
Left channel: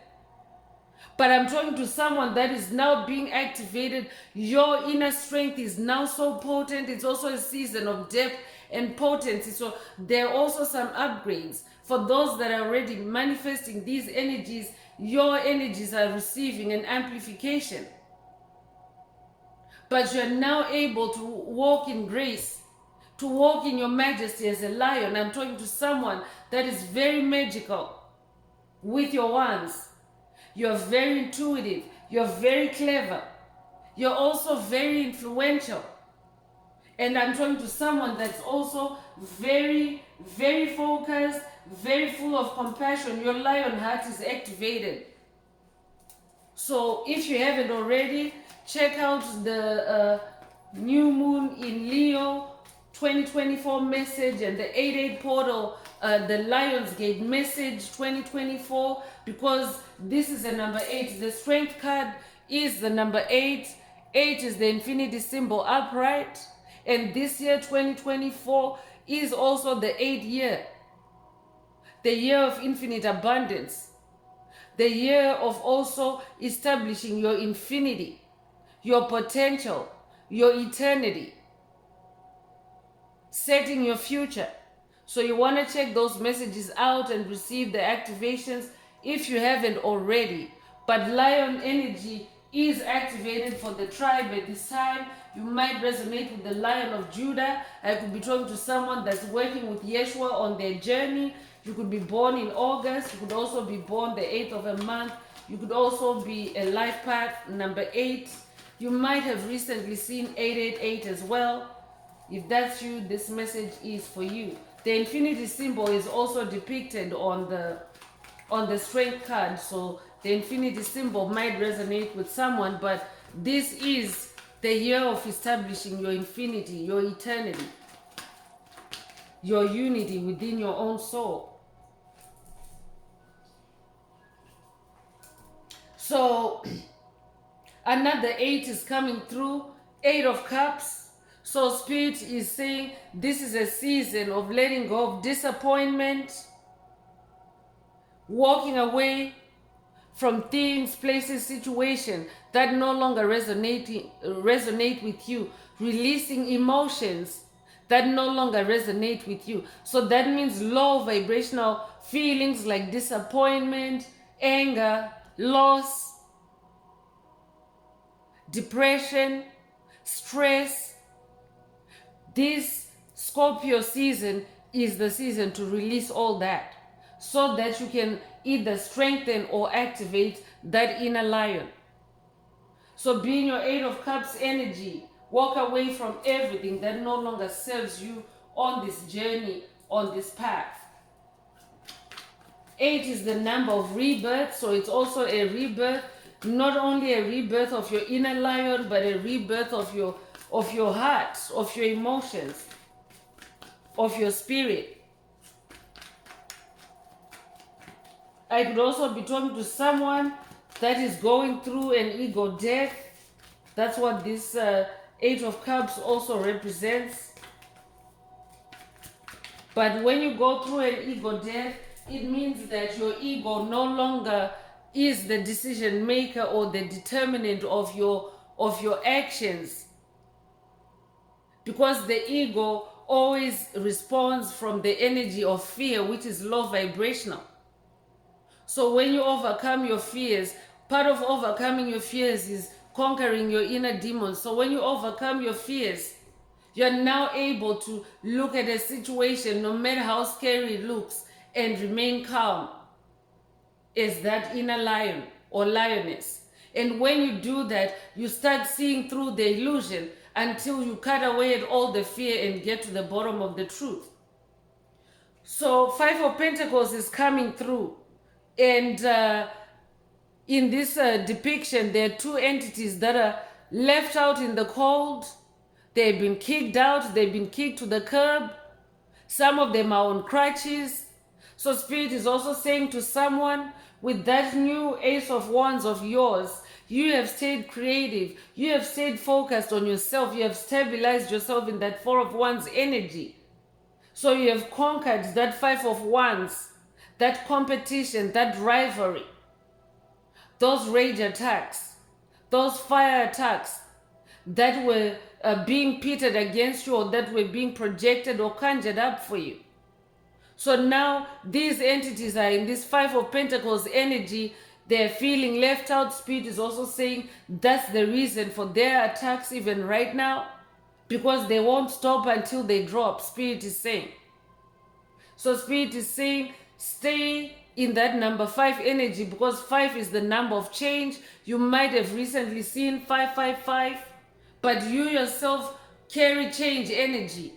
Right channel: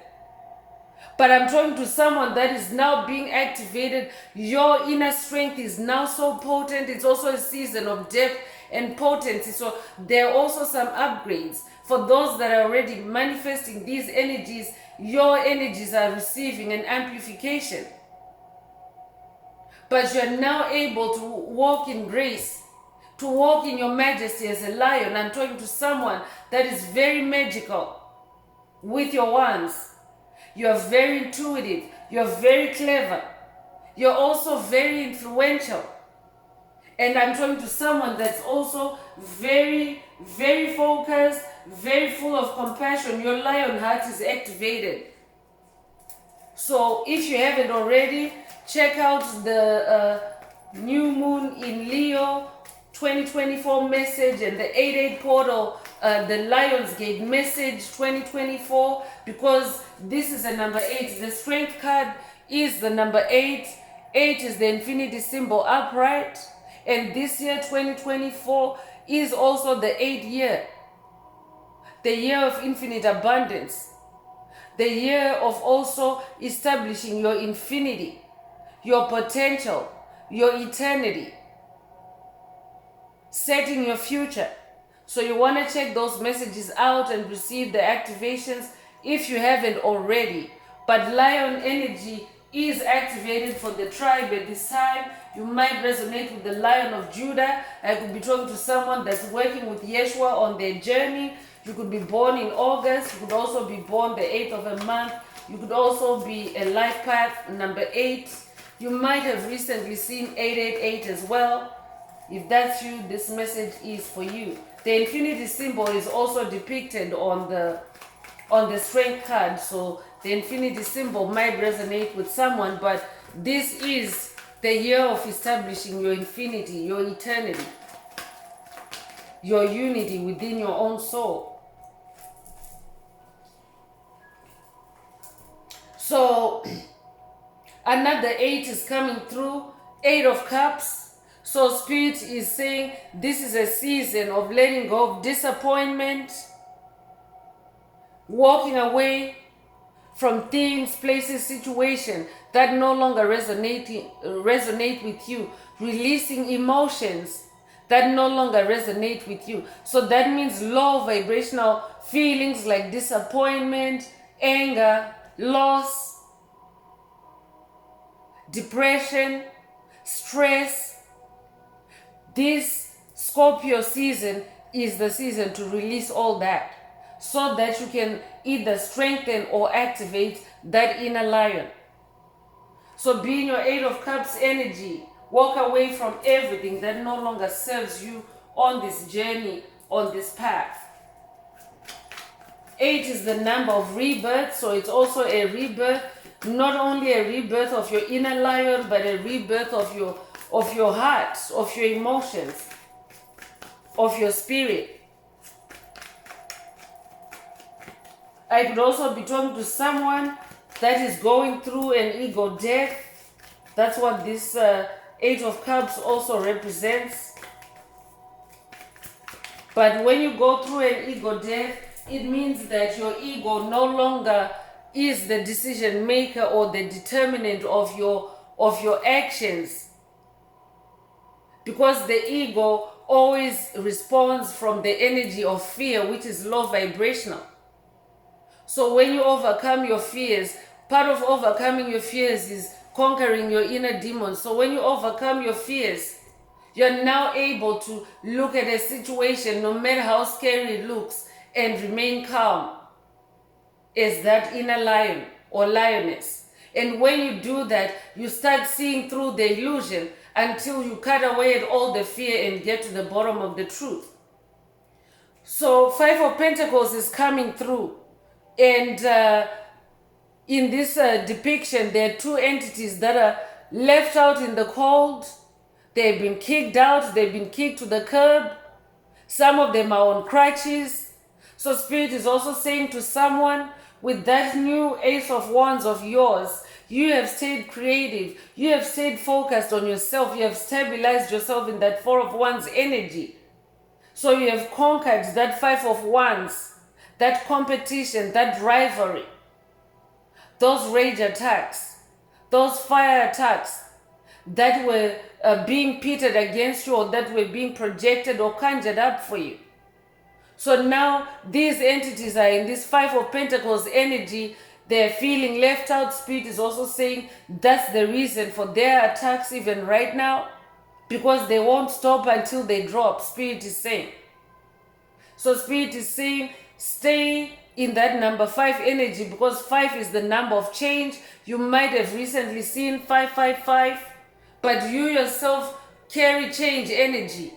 But I'm talking to someone that is now being activated. Your inner strength is now so potent. It's also a season of depth and potency. So there are also some upgrades. For those that are already manifesting these energies, your energies are receiving an amplification. But you're now able to walk in grace, to walk in your majesty as a lion. I'm talking to someone that is very magical with your wands. You're very intuitive. You're very clever. You're also very influential. And I'm talking to someone that's also very, very focused, very full of compassion. Your lion heart is activated. So if you haven't already, check out the new moon in Leo 2024 message and the 8-8 portal, the Lionsgate message 2024, because this is the number 8. The strength card is the number 8. 8 is the infinity symbol upright. And this year, 2024, is also the 8th year. The year of infinite abundance. The year of also establishing your infinity, your potential, your eternity, setting your future. So you want to check those messages out and receive the activations if you haven't already. But lion energy is activated for the tribe at this time. You might resonate with the Lion of Judah. I could be talking to someone that's working with Yeshua on their journey. You could be born in August. You could also be born the 8th of a month. You could also be a life path number 8. You might have recently seen 888 as well. If that's you, this message is for you. The infinity symbol is also depicted on the strength card, so the infinity symbol might resonate with someone, but this is the year of establishing your infinity, your eternity, your unity within your own soul. So another 8 is coming through, 8 of Cups. So Spirit is saying this is a season of letting go of disappointment, walking away from things, places, situations that no longer resonate with you, releasing emotions that no longer resonate with you. So that means low vibrational feelings like disappointment, anger, loss, depression, stress. This Scorpio season is the season to release all that so that you can either strengthen or activate that inner lion. So be in your 8 of Cups energy. Walk away from everything that no longer serves you on this journey, on this path. 8 is the number of rebirth, so it's also a rebirth. Not only a rebirth of your inner lion, but a rebirth of your heart, of your emotions, of your spirit. I could also be talking to someone that is going through an ego death. That's what this 8 of Cups also represents. But when you go through an ego death, it means that your ego no longer is the decision maker or the determinant of your actions. Because the ego always responds from the energy of fear, which is low vibrational. So when you overcome your fears, part of overcoming your fears is conquering your inner demons. So when you overcome your fears, you're now able to look at a situation, no matter how scary it looks, and remain calm as that inner lion or lioness. And when you do that, you start seeing through the illusion until you cut away at all the fear and get to the bottom of the truth. So 5 of Pentacles is coming through. And in this depiction, there are 2 entities that are left out in the cold. They've been kicked out. They've been kicked to the curb. Some of them are on crutches. So Spirit is also saying to someone, with that new Ace of Wands of yours, you have stayed creative. You have stayed focused on yourself. You have stabilized yourself in that 4 of Wands energy. So you have conquered that 5 of Wands, that competition, that rivalry, those rage attacks, those fire attacks that were being pitted against you or that were being projected or conjured up for you. So now these entities are in this 5 of Pentacles energy. They're feeling left out. Spirit is also saying that's the reason for their attacks even right now, because they won't stop until they drop. Spirit is saying. So Spirit is saying stay in that number 5 energy, because 5 is the number of change. You might have recently seen 555, but you yourself carry change energy.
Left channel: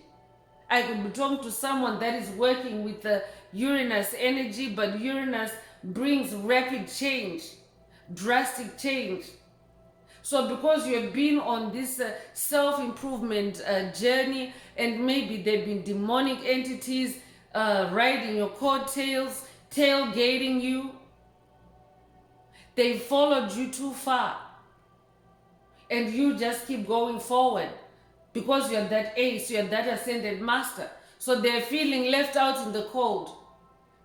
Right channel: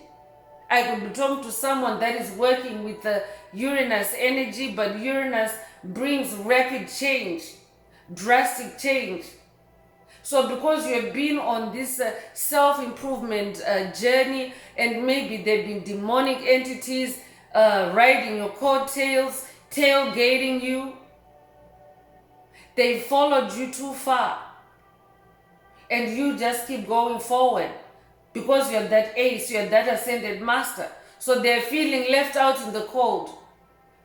I could be talking to someone that is working with the Uranus energy, but Uranus brings rapid change, drastic change. So because you have been on this self-improvement journey, and maybe there have been demonic entities riding your coattails, tailgating you, they followed you too far, and you just keep going forward. Because you're that ace, you're that ascended master. So they're feeling left out in the cold.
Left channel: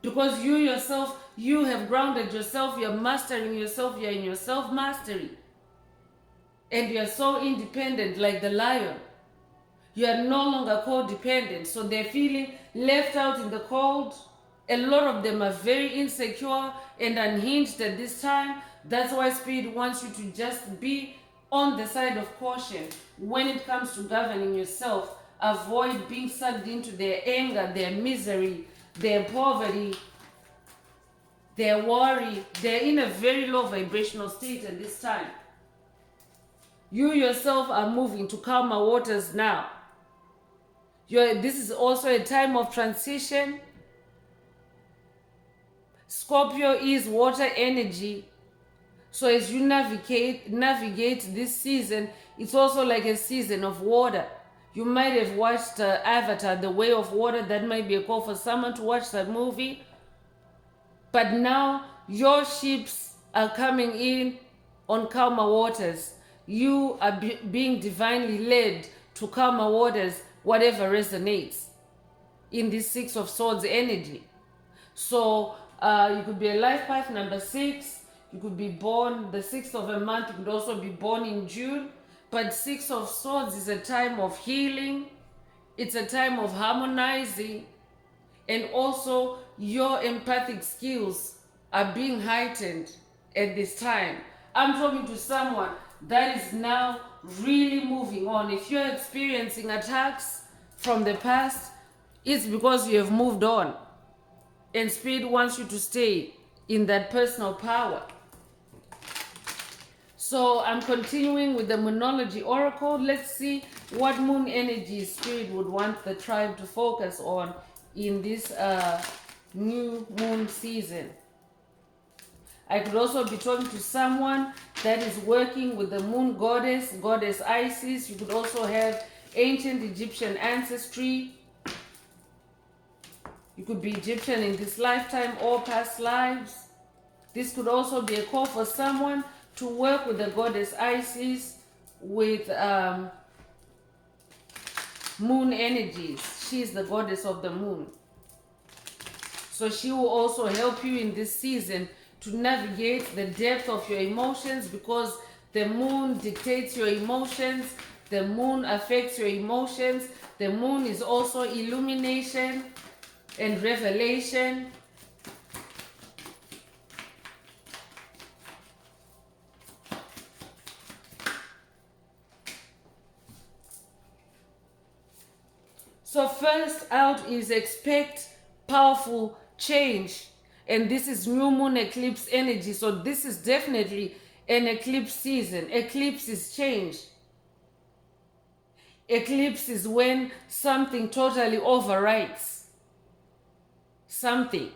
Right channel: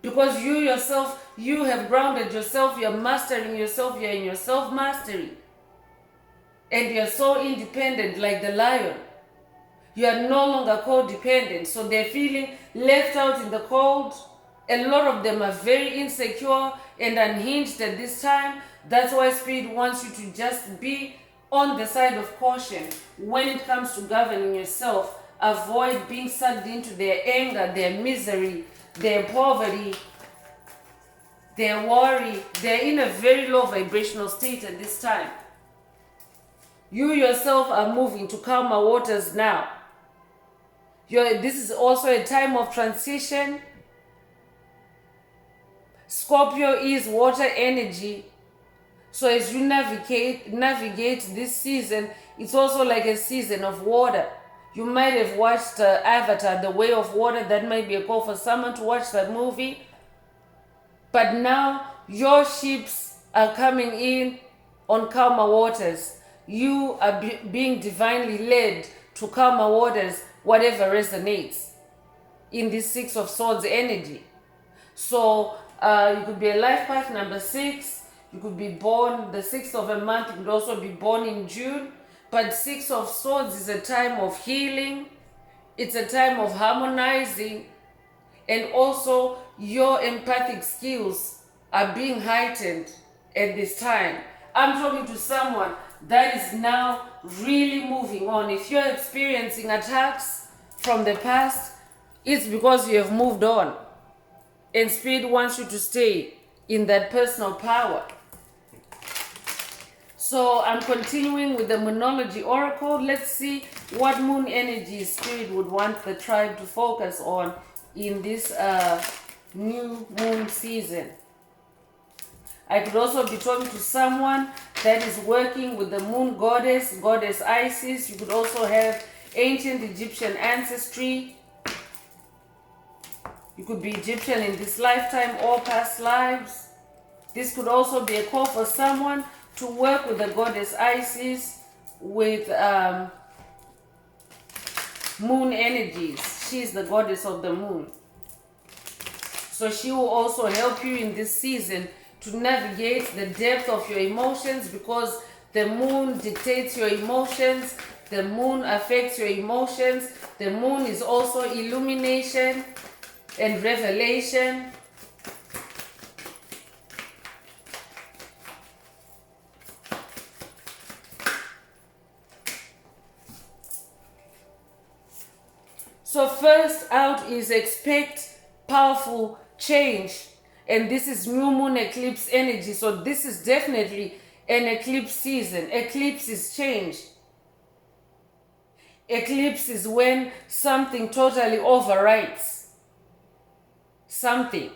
Because you yourself, you have grounded yourself, you're mastering yourself, you're in your self-mastery. And you're so independent like the lion. You are no longer codependent. So they're feeling left out in the cold. A lot of them are very insecure and unhinged at this time. That's why Spirit wants you to just be on the side of caution when it comes to governing yourself. Avoid being sucked into their anger, their misery, their poverty, their worry. They're in a very low vibrational state at this time. You yourself are moving to calmer waters now. This is also a time of transition. Scorpio is water energy. So as you navigate this season, it's also like a season of water. You might have watched Avatar, The Way of Water. That might be a call for someone to watch that movie. But now your ships are coming in on calmer waters. You are being divinely led to calmer waters, whatever resonates in this Six of Swords energy. So you could be a life path number 6. You could be born the 6th of a month. You could also be born in June. But Six of Swords is a time of healing. It's a time of harmonizing. And also your empathic skills are being heightened at this time. I'm talking to someone that is now really moving on. If you're experiencing attacks from the past, it's because you have moved on. And Spirit wants you to stay in that personal power. So I'm continuing with the Moonology Oracle. Let's see what moon energy Spirit would want the tribe to focus on in this new moon season. I could also be talking to someone that is working with the moon goddess, goddess Isis. You could also have ancient Egyptian ancestry. You could be Egyptian in this lifetime or past lives. This could also be a call for someone to work with the goddess Isis with moon energies. She's the goddess of the moon. So she will also help you in this season to navigate the depth of your emotions, because the moon dictates your emotions. The moon affects your emotions. The moon is also illumination and revelation. So first out is expect powerful change. And this is new moon eclipse energy. So this is definitely an eclipse season. Eclipse is change. Eclipse is when something totally overwrites something.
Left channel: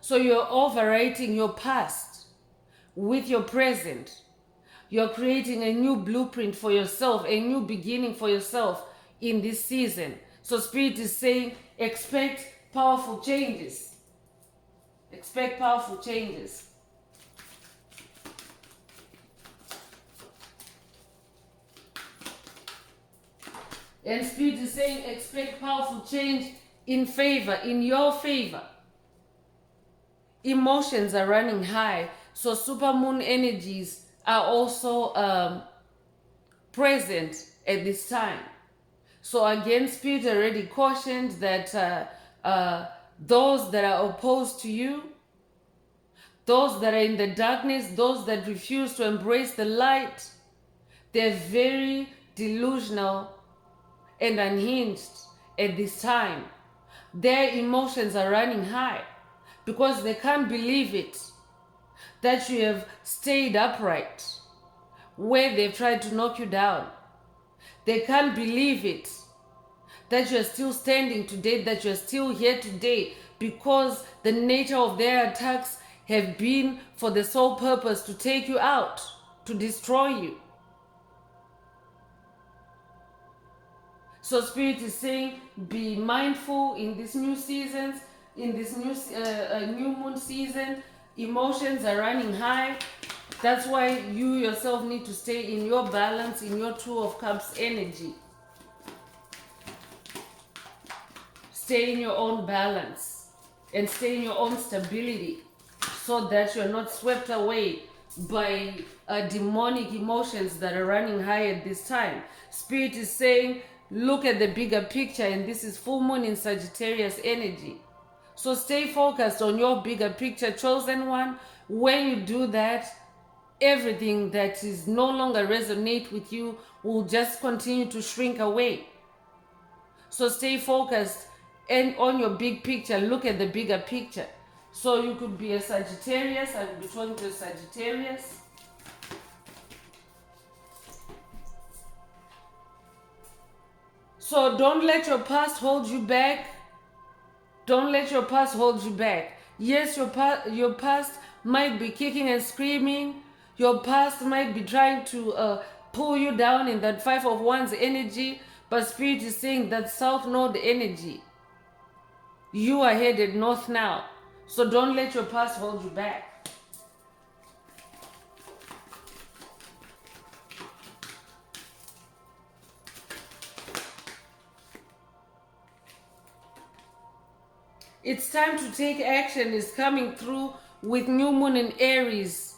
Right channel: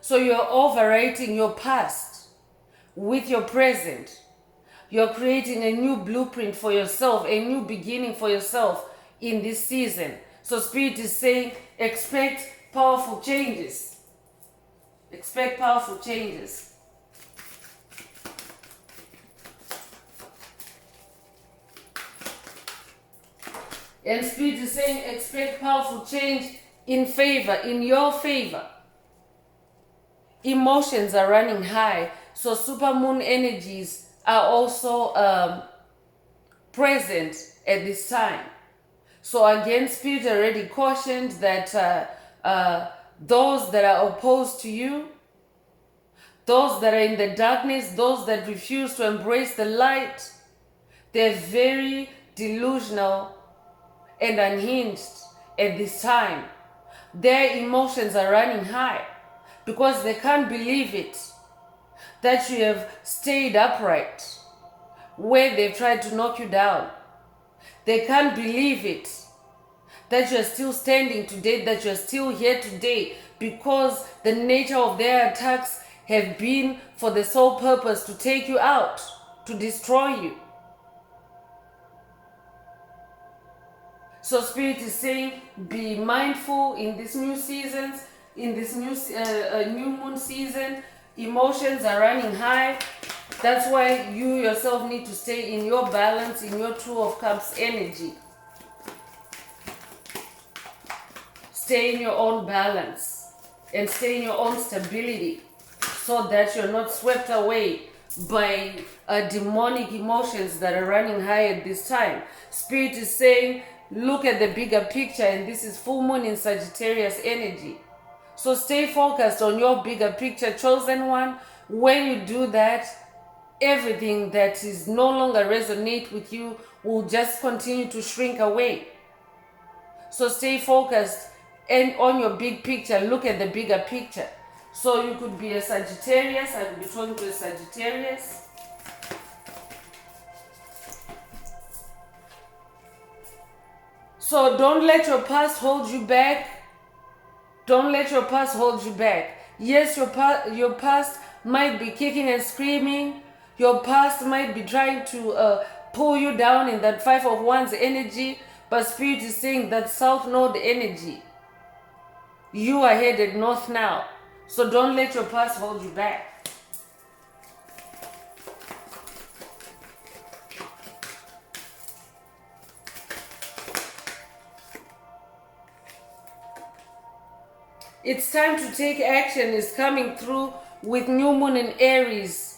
So you're overwriting your past with your present. You're creating a new blueprint for yourself, a new beginning for yourself in this season. So Spirit is saying, expect powerful changes. Expect powerful changes. And Spirit is saying, expect powerful change in favor, in your favor. Emotions are running high. So supermoon energies are also present at this time. So again, Spirit already cautioned that those that are opposed to you, those that are in the darkness, those that refuse to embrace the light, they're very delusional and unhinged at this time. Their emotions are running high because they can't believe it that you have stayed upright where they've tried to knock you down. They can't believe it that you're still standing today, that you're still here today, because the nature of their attacks have been for the sole purpose to take you out, to destroy you. So Spirit is saying, be mindful in this new seasons, in this new moon season. Emotions are running high. That's why you yourself need to stay in your balance, in your Two of Cups energy. Stay in your own balance and stay in your own stability, so that you're not swept away by demonic emotions that are running high at this time. Spirit is saying, look at the bigger picture, and this is full moon in Sagittarius energy. So stay focused on your bigger picture, chosen one. When you do that, everything that is no longer resonate with you will just continue to shrink away. So stay focused and on your big picture. Look at the bigger picture. So you could be a Sagittarius. I could be talking to a Sagittarius. So don't let your past hold you back. Don't let your past hold you back. Yes, your past might be kicking and screaming. Your past might be trying to pull you down in that Five of Wands energy. But Spirit is saying that South Node energy. You are headed north now. So don't let your past hold you back. It's time to take action is coming through with new moon in Aries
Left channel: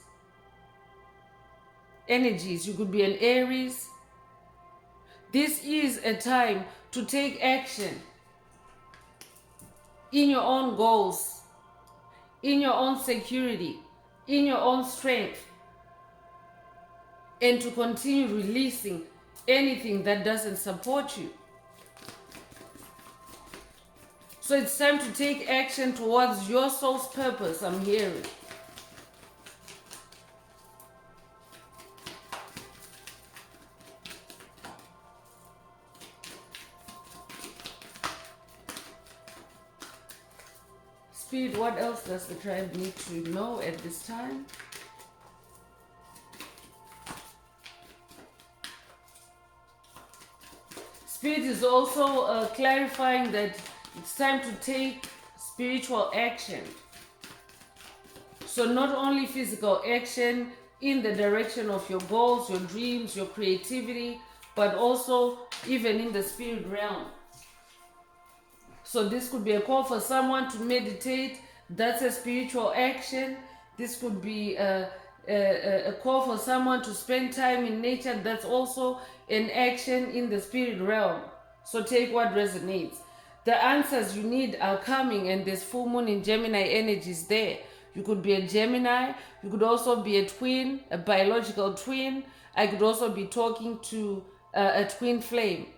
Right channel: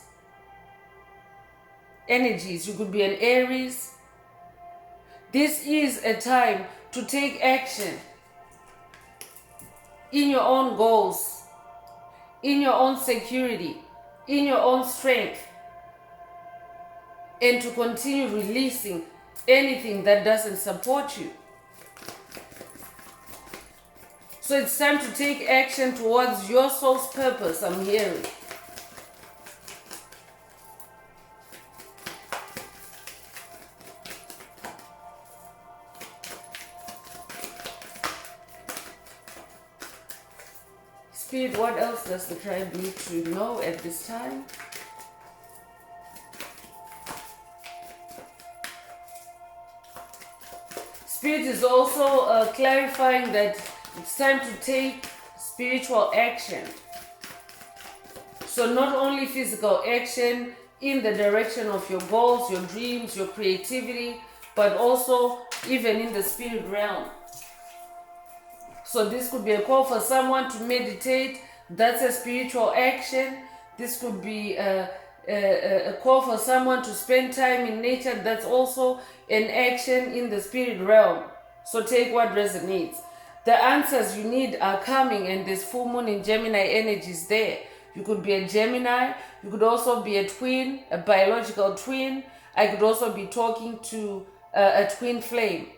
energies. You could be an Aries. This is a time to take action in your own goals, in your own security, in your own strength, and to continue releasing anything that doesn't support you. So it's time to take action towards your soul's purpose, I'm hearing. Spirit, what else does the tribe need to know at this time? Spirit is also clarifying that it's time to take spiritual action. So not only physical action in the direction of your goals, your dreams, your creativity, but also even in the spirit realm. So this could be a call for someone to meditate. That's a spiritual action. This could be a call for someone to spend time in nature. That's also an action in the spirit realm. So take what resonates. The answers you need are coming, and there's full moon in Gemini energies there. You could be a Gemini. You could also be a twin, a biological twin. I could also be talking to a twin flame.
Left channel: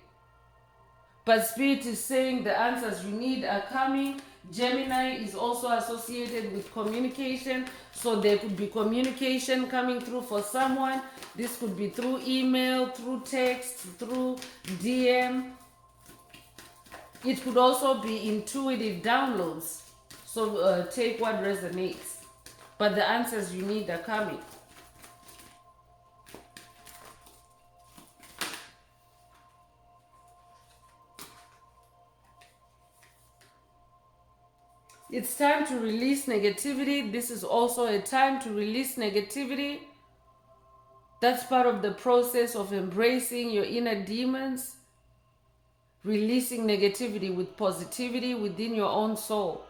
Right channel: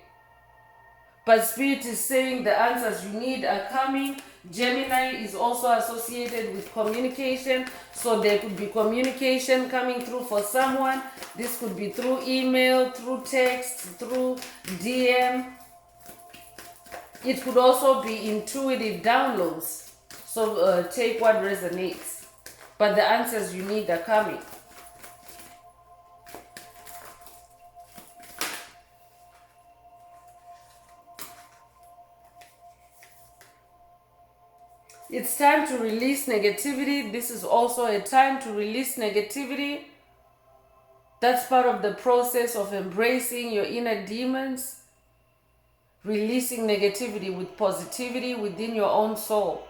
But Spirit is saying the answers you need are coming. Gemini is also associated with communication. So there could be communication coming through for someone. This could be through email, through text, through DM. It could also be intuitive downloads. So take what resonates. But the answers you need are coming. It's time to release negativity. This is also a time to release negativity. That's part of the process of embracing your inner demons. Releasing negativity with positivity within your own soul.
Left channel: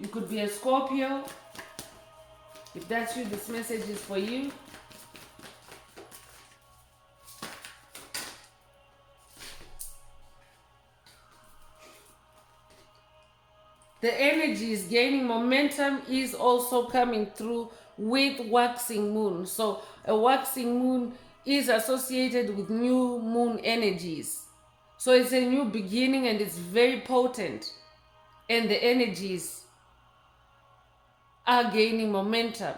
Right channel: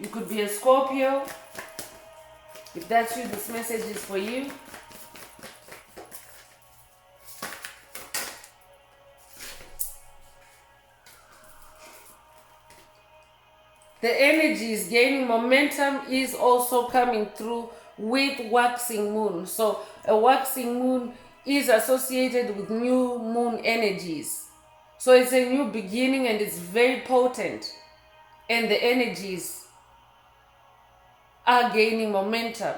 You could be a Scorpio. If that's you, this message is for you. The energies gaining momentum is also coming through with waxing moon. So a waxing moon is associated with new moon energies. So it's a new beginning and it's very potent. And the energies are gaining momentum.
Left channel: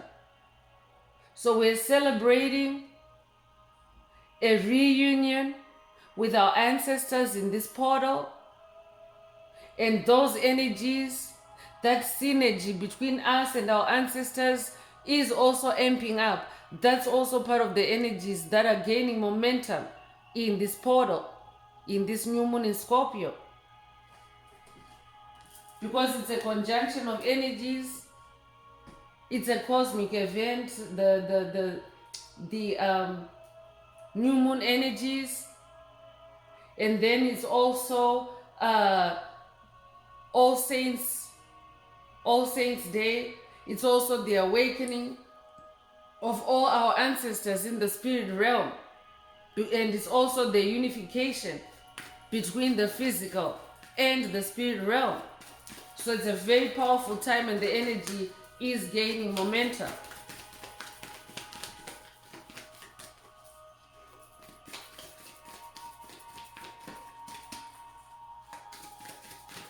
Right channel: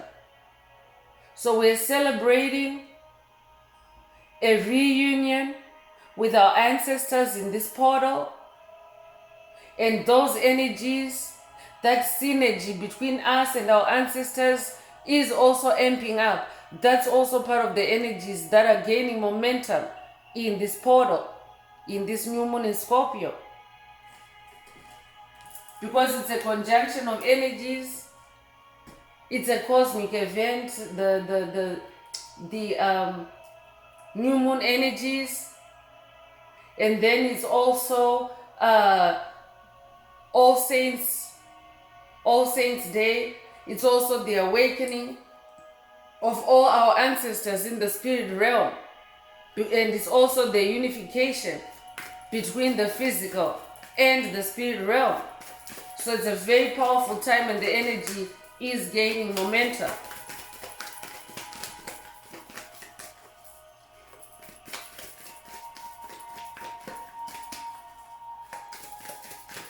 So we're celebrating a reunion with our ancestors in this portal. And those energies, that synergy between us and our ancestors is also amping up. That's also part of the energies that are gaining momentum in this portal, in this new moon in Scorpio. Because it's a conjunction of energies, it's a cosmic event, the new moon energies, and then it's also All Saints Day. It's also the awakening of all our ancestors in the spirit realm. And it's also the unification between the physical and the spirit realm. So it's a very powerful time and the energy is gaining momentum.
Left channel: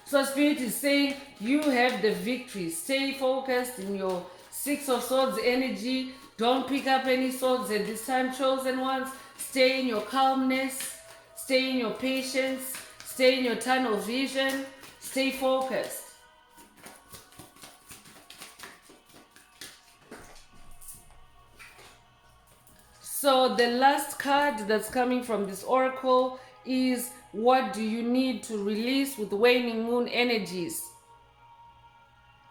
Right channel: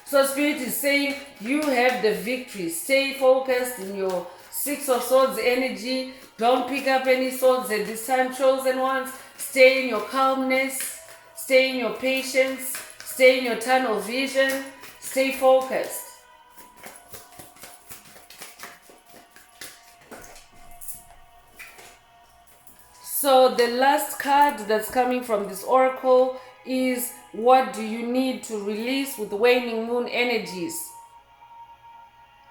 So Spirit is saying you have the victory. Stay focused in your Six of Swords energy. Don't pick up any swords at this time, chosen ones. Stay in your calmness. Stay in your patience. Stay in your tunnel vision. Stay focused. So the last card that's coming from this oracle is, what do you need to release with waning moon energies?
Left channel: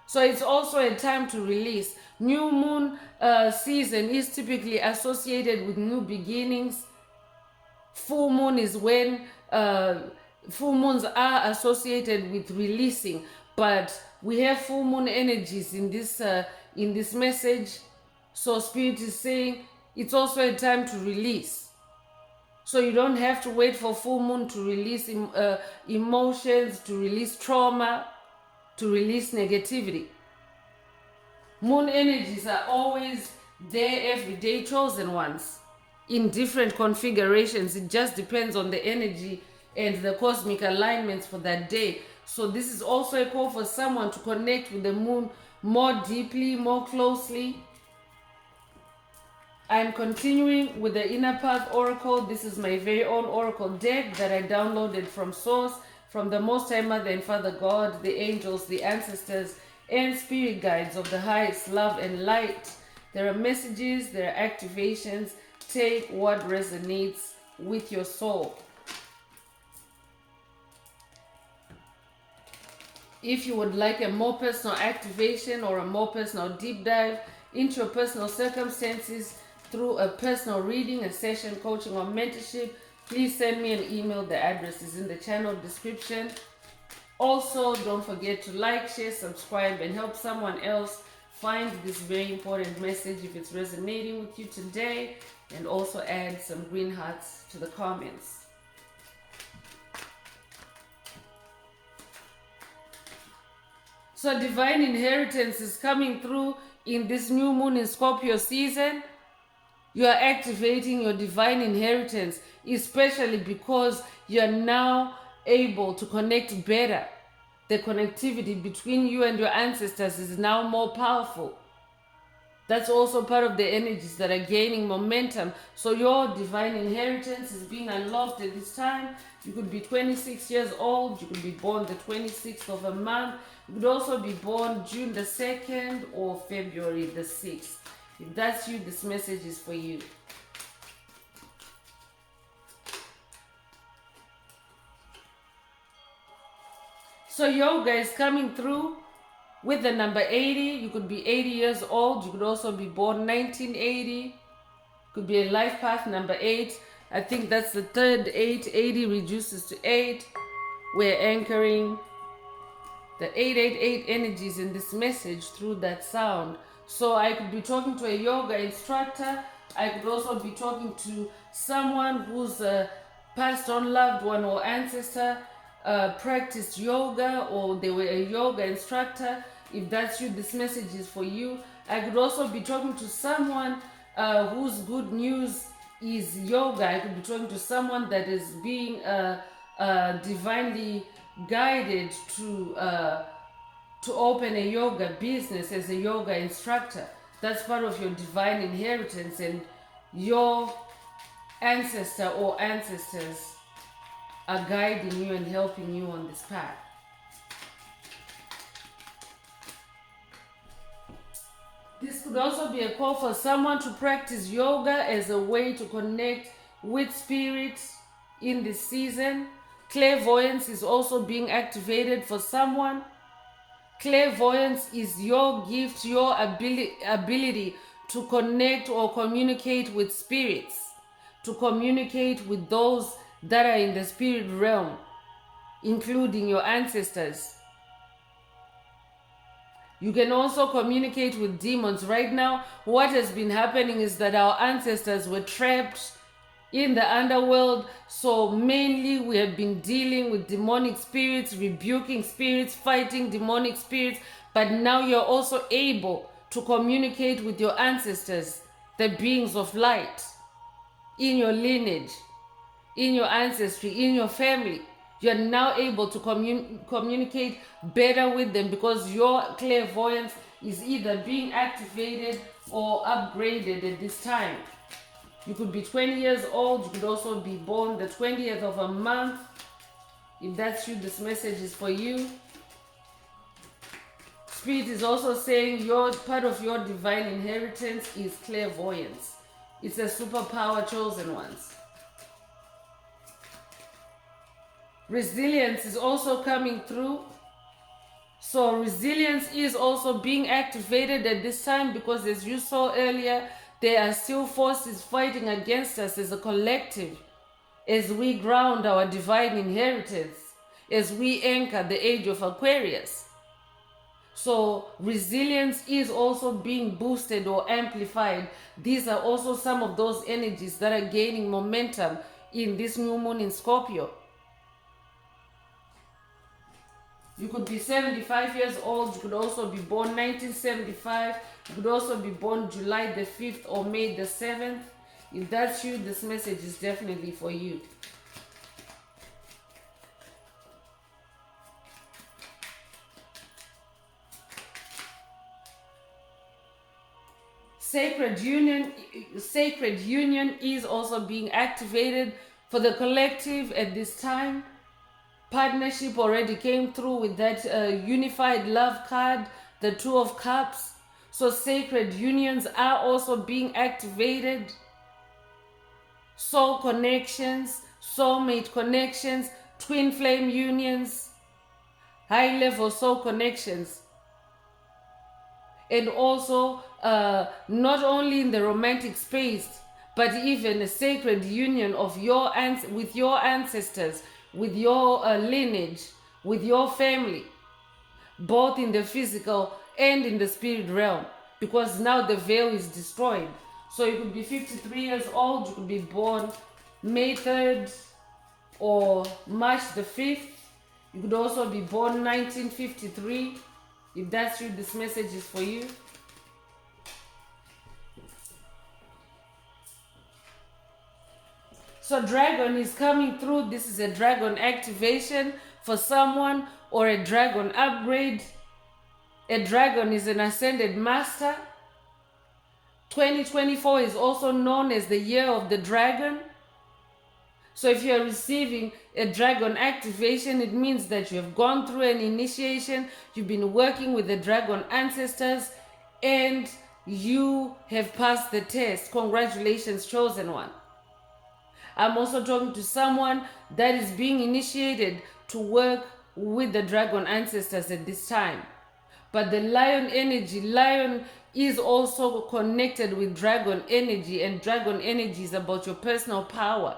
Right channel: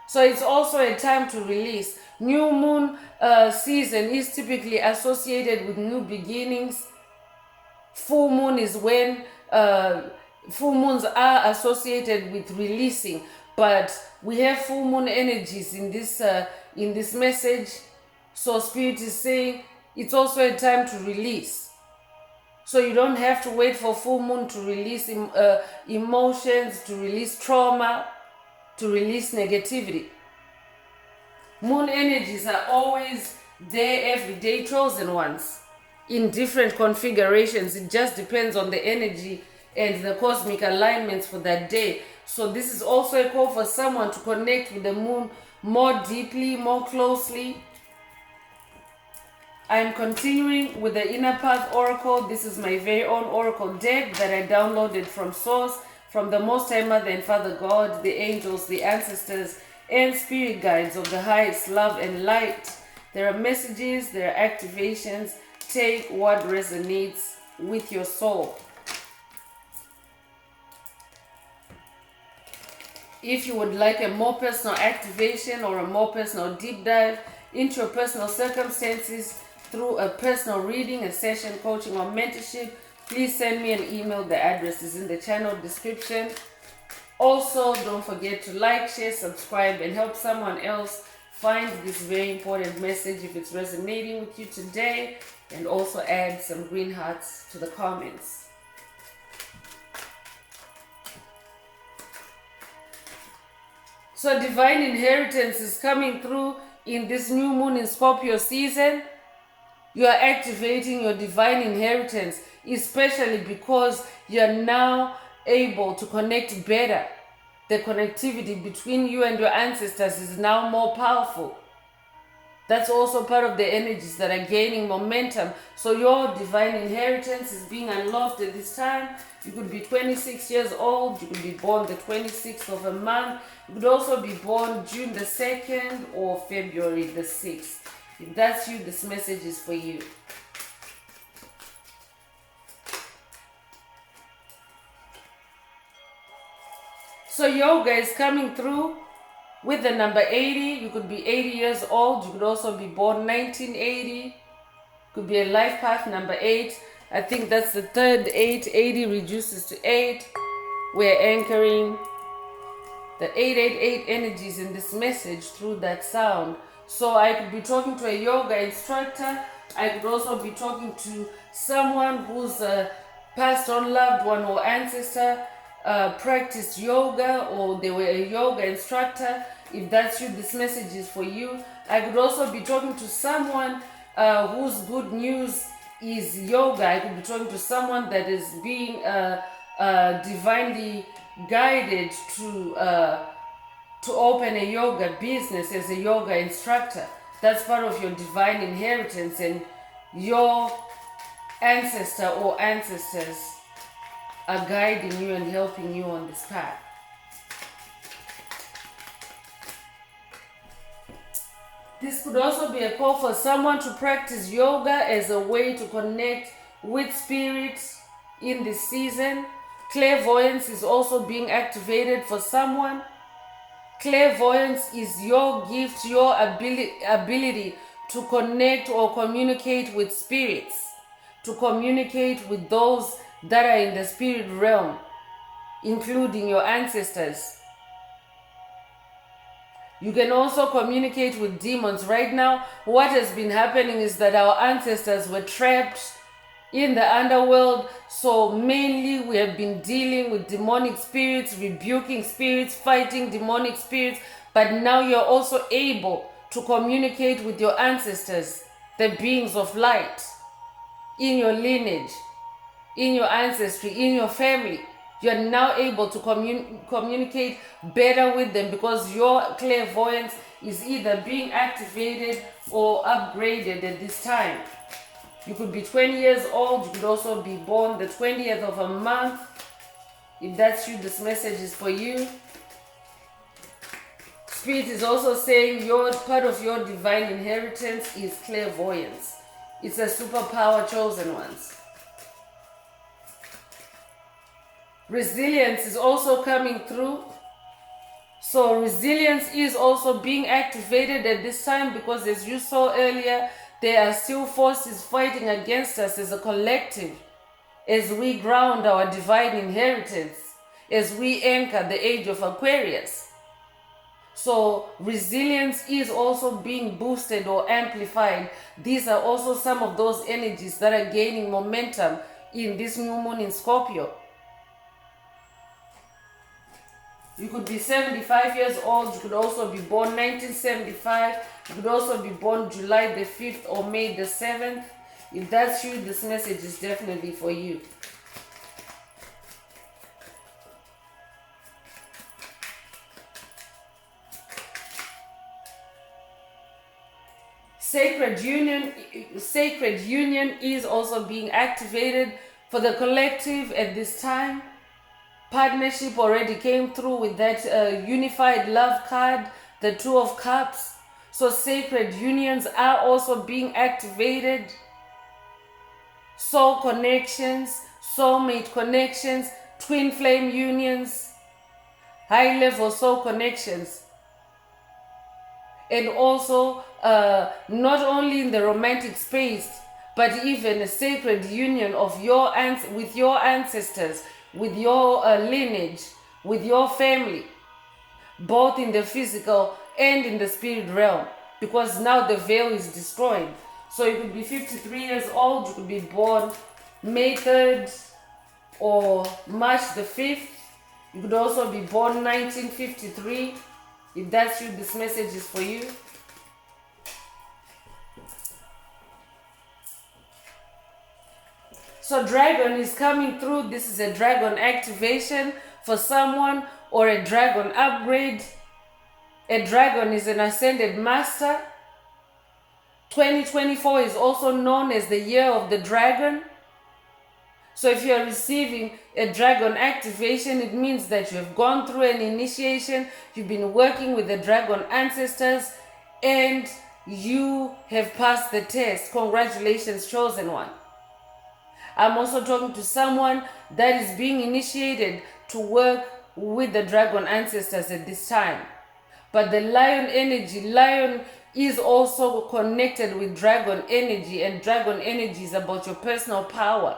So it's also a time to release. New moon season is typically associated with new beginnings. Full moon is when full moons are associated with releasing, but we have full moon energies in this message. So Spirit is saying it's also a time to release. So you don't have to wait for full moon to release emotions, to release trauma, to release negativity. Moon energies are always there every day, chosen ones, in different configurations. It just depends on the energy and the cosmic alignments for that day. So this is also a call for someone to connect with the moon more deeply, more closely. I'm continuing with the Inner Path Oracle. This is my very own Oracle deck that I downloaded from Source, from the Most High Mother and Father God, the angels, the ancestors, and spirit guides of the highest love and light. There are messages, there are activations. Take what resonates with your soul. If you would like a more personal activation or a more personal deep dive into your personal circumstances, through a personal reading, a session, coaching, or mentorship, please send me an email. The address is in the channel description. Also, don't forget to like, share, subscribe, and help someone else find this very important message if it's resonating with you today. And also add some green hearts to the comments. So divine inheritance is coming through in this new moon in Scorpio season. You are activating your divine inheritance, especially because you are now able to connect better. The connectivity between you and your ancestors is now more powerful. That's also part of the energies that are gaining momentum. So your divine inheritance is being unlocked at this time. You could be 26 years old. You could be born the 26th of a month. You could also be born June the 2nd or February the 6th. If that's you, this message is for you. So yoga is coming through with the number 80. You could be 80 years old. You could also be born 1980. Could be a life path number 8. I think that's the third 8. 80 reduces to 8. We're anchoring the 888 energies in this message through that sound. So I could be talking to a yoga instructor. I could also be talking to someone who's a passed on loved one or ancestor, practiced yoga, or they were a yoga instructor. If that's you, this message is for you. I could also be talking to someone whose good news is yoga. I could be talking to someone that is being divinely guided to open a yoga business as a yoga instructor. That's part of your divine inheritance, and your ancestor or ancestors are guiding you and helping you on this path. This could also be a call for someone to practice yoga as a way to connect with spirit in this season. Clairvoyance is also being activated for someone. Clairvoyance is your gift, your ability to connect or communicate with spirits, to communicate with those that are in the spirit realm, including your ancestors. You can also communicate with demons. Right now, what has been happening is that our ancestors were trapped in the underworld. So mainly we have been dealing with demonic spirits, rebuking spirits, fighting demonic spirits, but now you're also able to communicate with your ancestors, the beings of light, in your lineage, in your ancestry, in your family. You're now able to communicate better with them because your clairvoyance is either being activated or upgraded at this time. You could be 20 years old. You could also be born the 20th of a month. If that's you, this message is for you. Spirit is also saying your part of your divine inheritance is clairvoyance. It's a superpower, chosen ones. Resilience is also coming through. So resilience is also being activated at this time because, as you saw earlier, there are still forces fighting against us as a collective, as we ground our divine inheritance, as we anchor the age of Aquarius. So resilience is also being boosted or amplified. These are also some of those energies that are gaining momentum in this new moon in Scorpio. You could be 75 years old. You could also be born 1975. You could also be born July the 5th or May the 7th. If that's you, this message is definitely for you. Sacred union is also being activated for the collective at this time. Partnership already came through with that unified love card, the Two of Cups. So sacred unions are also being activated. Soul connections, soulmate connections, twin flame unions, high level soul connections. And also not only in the romantic space, but even a sacred union of with your ancestors, with your lineage, with your family, both in the physical and in the spirit realm, because now the veil is destroyed. So you could be 53 years old, you could be born May 3rd or March the 5th. You could also be born 1953. If that's you, this message is for you. So dragon is coming through. This is a dragon activation for someone or a dragon upgrade. A dragon is an ascended master. 2024 is also known as the year of the dragon. So if you are receiving a dragon activation, it means that you have gone through an initiation, you've been working with the dragon ancestors, and you have passed the test. Congratulations, chosen one. I'm also talking to someone that is being initiated to work with the dragon ancestors at this time. But the lion energy, lion is also connected with dragon energy, and dragon energy is about your personal power.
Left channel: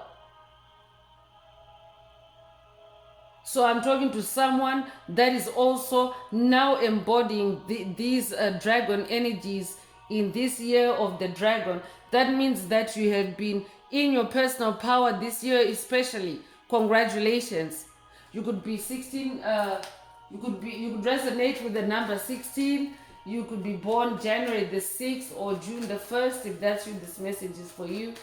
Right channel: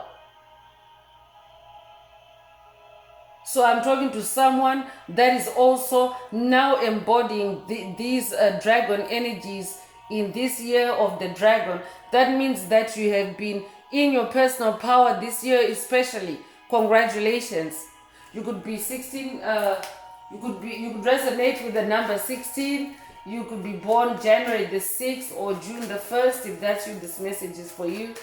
So I'm talking to someone that is also now embodying these dragon energies in this year of the dragon. That means that you have been in your personal power this year especially. Congratulations. You could be 16, you could resonate with the number 16. You could be born January the 6th or June the 1st. If that's you, this message is for you.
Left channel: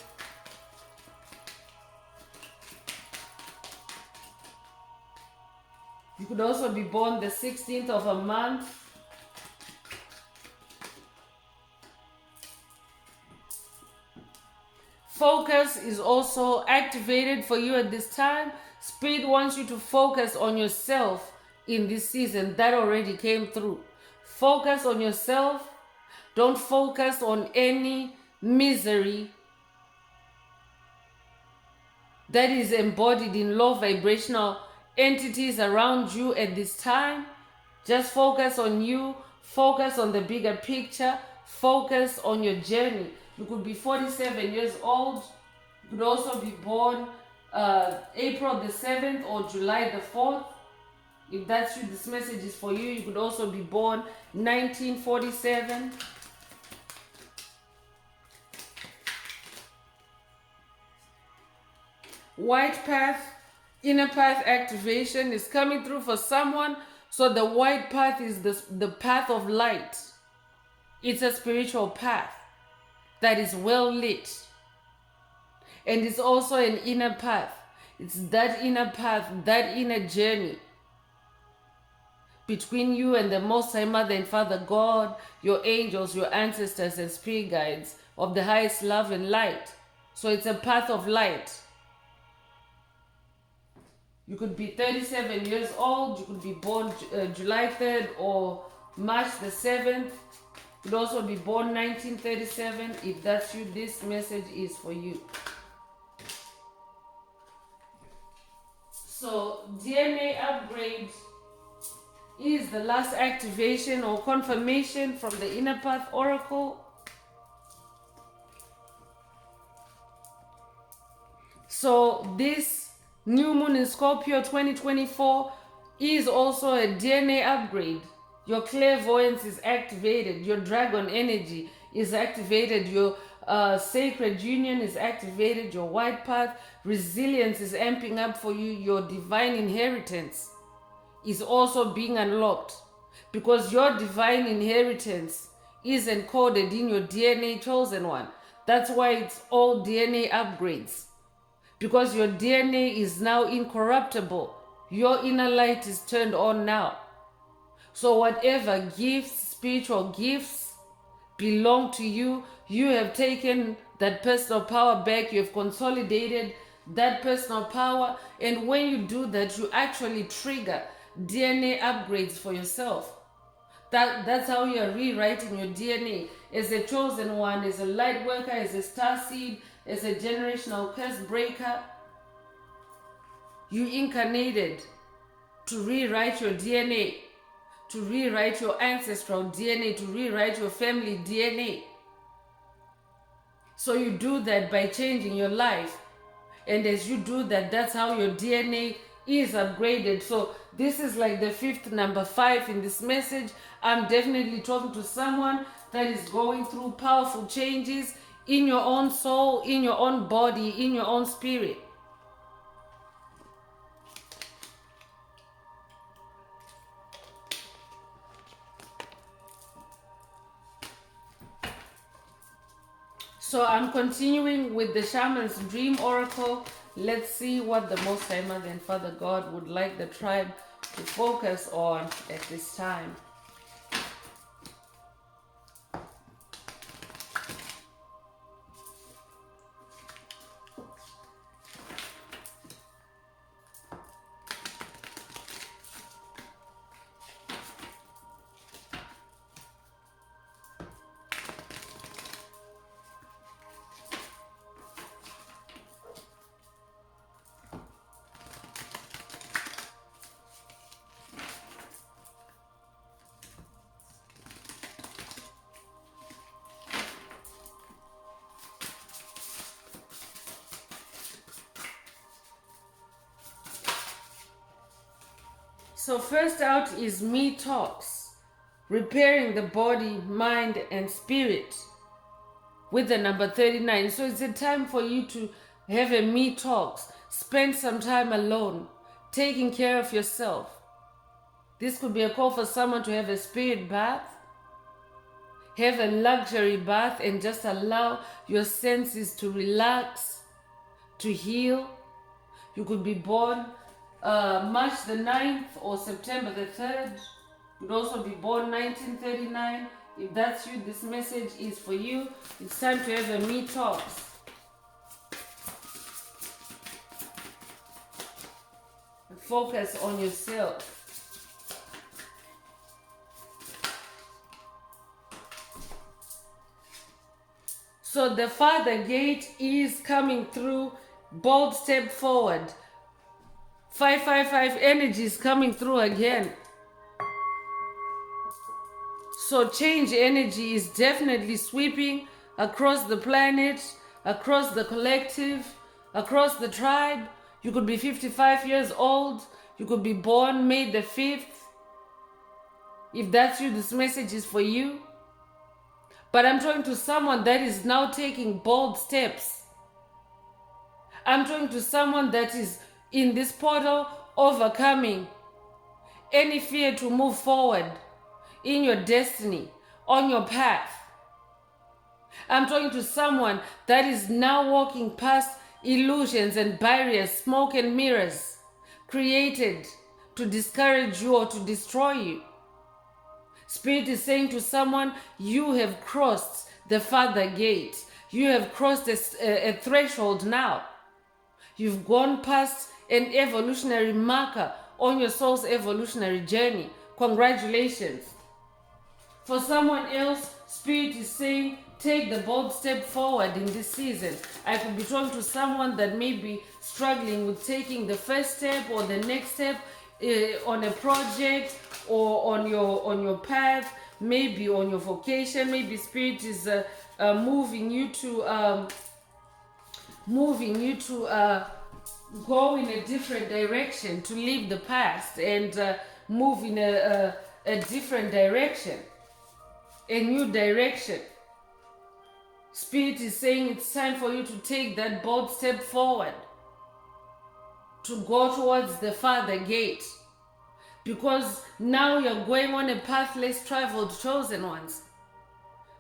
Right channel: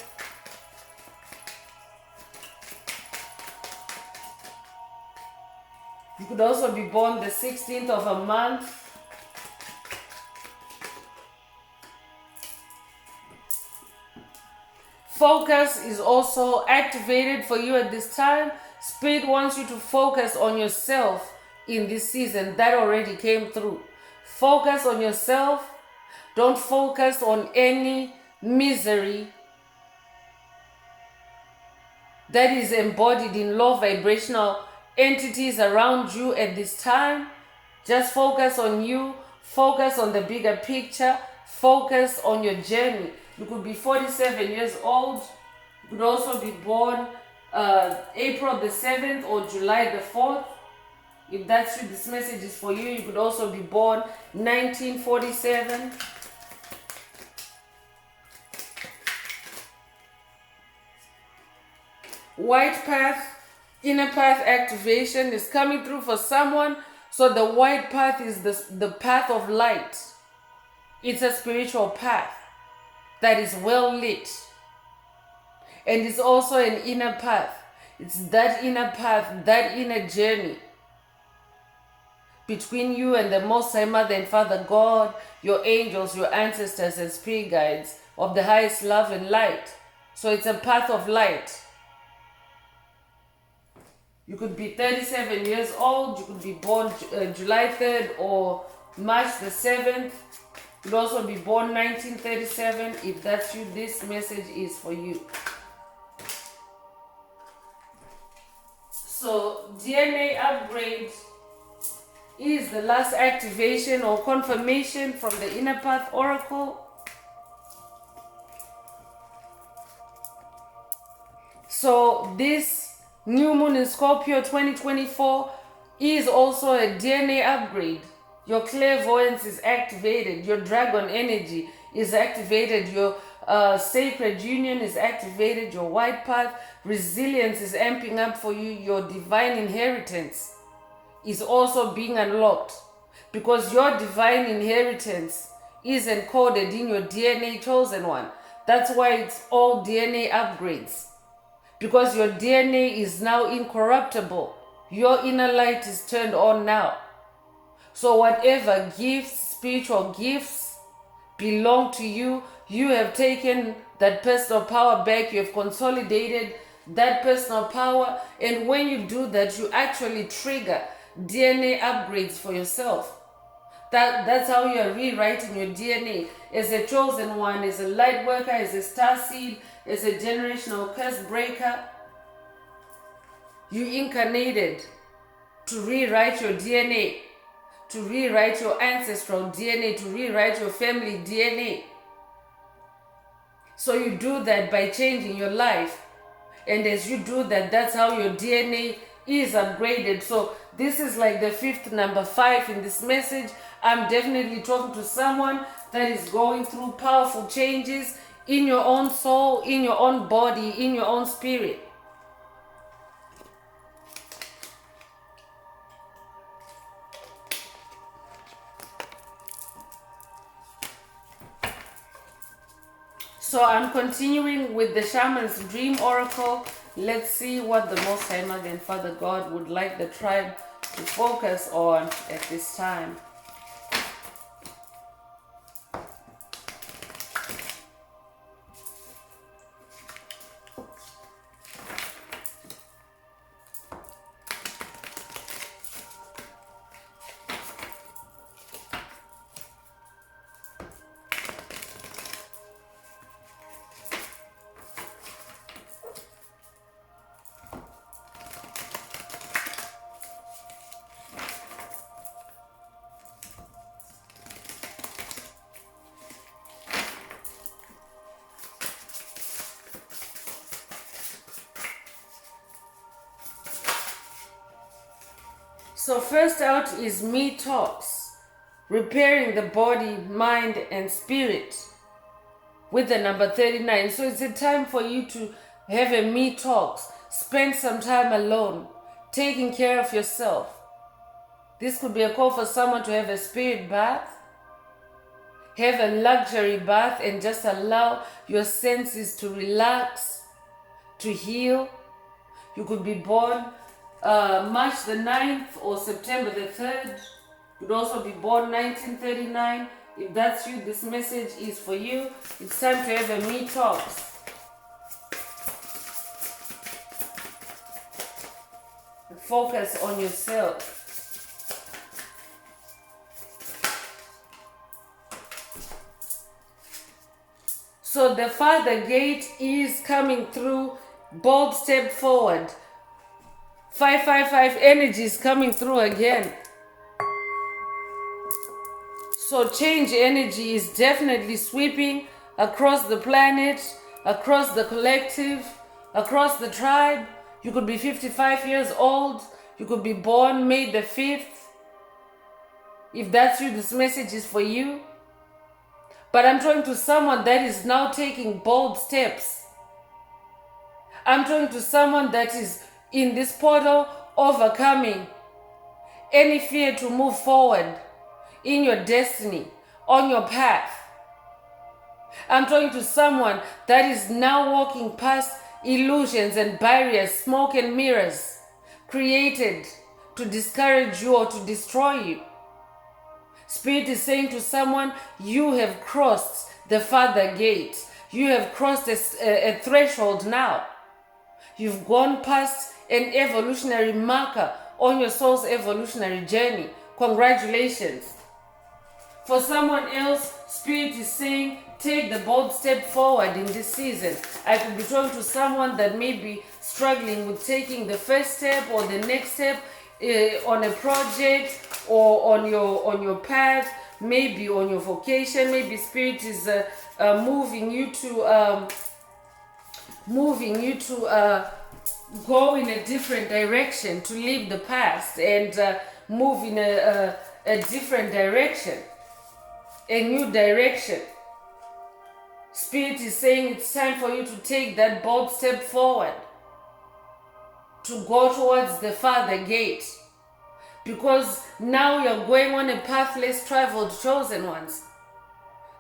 You could also be born the 16th of a month. Focus is also activated for you at this time. Spirit wants you to focus on yourself in this season. That already came through. Focus on yourself. Don't focus on any misery that is embodied in low vibrational entities around you at this time. Just focus on you. Focus on the bigger picture. Focus on your journey. You could be 47 years old. You could also be born April the 7th or July the 4th. If that's you, this message is for you. You could also be born 1947. White path, inner path activation is coming through for someone. So the white path is the path of light. It's a spiritual path that is well lit. And it's also an inner path. It's that inner path, that inner journey between you and the Most High Mother and Father God, your angels, your ancestors and spirit guides of the highest love and light. So it's a path of light. You could be 37 years old. You could be born July 3rd or March the 7th. You could also be born 1937. If that's you, this message is for you. So DNA upgrade is the last activation or confirmation from the Inner Path Oracle. So this new moon in Scorpio 2024 is also a DNA upgrade. Your clairvoyance is activated. Your dragon energy is activated. Your sacred union is activated. Your white path resilience is amping up for you. Your divine inheritance is also being unlocked, because your divine inheritance is encoded in your DNA chosen one. That's why it's all DNA upgrades, because your DNA is now incorruptible. Your inner light is turned on now. So whatever gifts, spiritual gifts belong to you, you have taken that personal power back. You have consolidated that personal power. And when you do that, you actually trigger DNA upgrades for yourself. That's how you are rewriting your DNA as a chosen one, as a light worker, as a star seed, as a generational curse breaker. You incarnated to rewrite your DNA, to rewrite your ancestral DNA, to rewrite your family DNA. So you do that by changing your life. And as you do that, that's how your DNA is upgraded. So this is like the fifth number 5 in this message. I'm definitely talking to someone that is going through powerful changes in your own soul, in your own body, in your own spirit. So I'm continuing with the Shaman's Dream Oracle. Let's see what the Most High Mother and Father God would like the tribe to focus on at this time. So first out is Me Talks, repairing the body, mind, and spirit with the number 39. So it's a time for you to have a Me Talks. Spend some time alone, taking care of yourself. This could be a call for someone to have a spirit bath, have a luxury bath, and just allow your senses to relax, to heal. You could be born March the 9th or September the 3rd. You could also be born 1939. If that's you, this message is for you. It's time to have a Me Talks. Focus on yourself. So the Father Gate is coming through. Bold step forward. 555 energy is coming through again. So change energy is definitely sweeping across the planet, across the collective, across the tribe. You could be 55 years old. You could be born May the 5th. If that's you, this message is for you. But I'm talking to someone that is now taking bold steps. I'm talking to someone that is in this portal, overcoming any fear to move forward in your destiny, on your path. I'm talking to someone that is now walking past illusions and barriers, smoke and mirrors created to discourage you or to destroy you. Spirit is saying to someone, you have crossed the farther gate. You have crossed a threshold now. You've gone past an evolutionary marker on your soul's evolutionary journey. Congratulations. For someone else, Spirit is saying, take the bold step forward in this season. I could be talking to someone that may be struggling with taking the first step or the next step on a project or on your path, maybe on your vocation. Maybe Spirit is moving you to go in a different direction, to leave the past and move in a different direction, a new direction. Spirit is saying it's time for you to take that bold step forward, to go towards the farther gate, because now you're going on a path less traveled, chosen ones.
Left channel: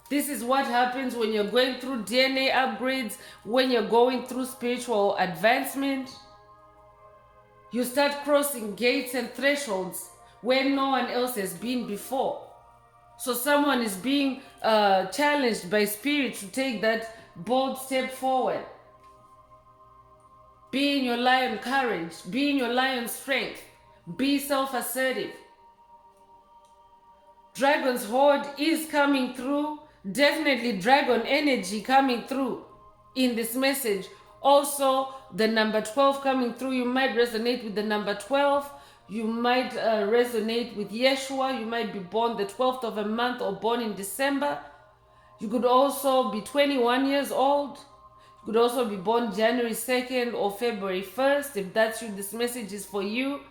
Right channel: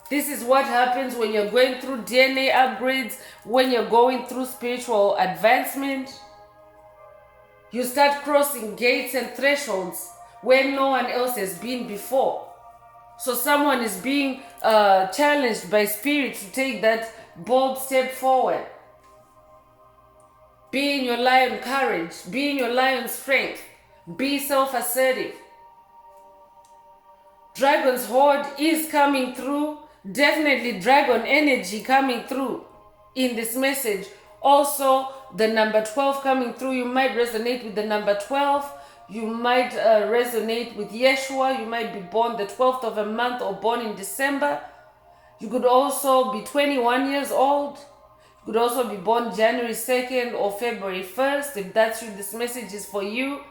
This is what happens when you're going through DNA upgrades, when you're going through spiritual advancement. You start crossing gates and thresholds where no one else has been before. So someone is being challenged by Spirit to take that bold step forward. Be in your lion courage. Be in your lion strength. Be self-assertive. Dragon's horde is coming through. Definitely dragon energy coming through in this message. Also, the number 12 coming through. You might resonate with the number 12. You might resonate with Yeshua. You might be born the 12th of a month or born in December. You could also be 21 years old. You could also be born January 2nd or February 1st, if that's you, this message is for you.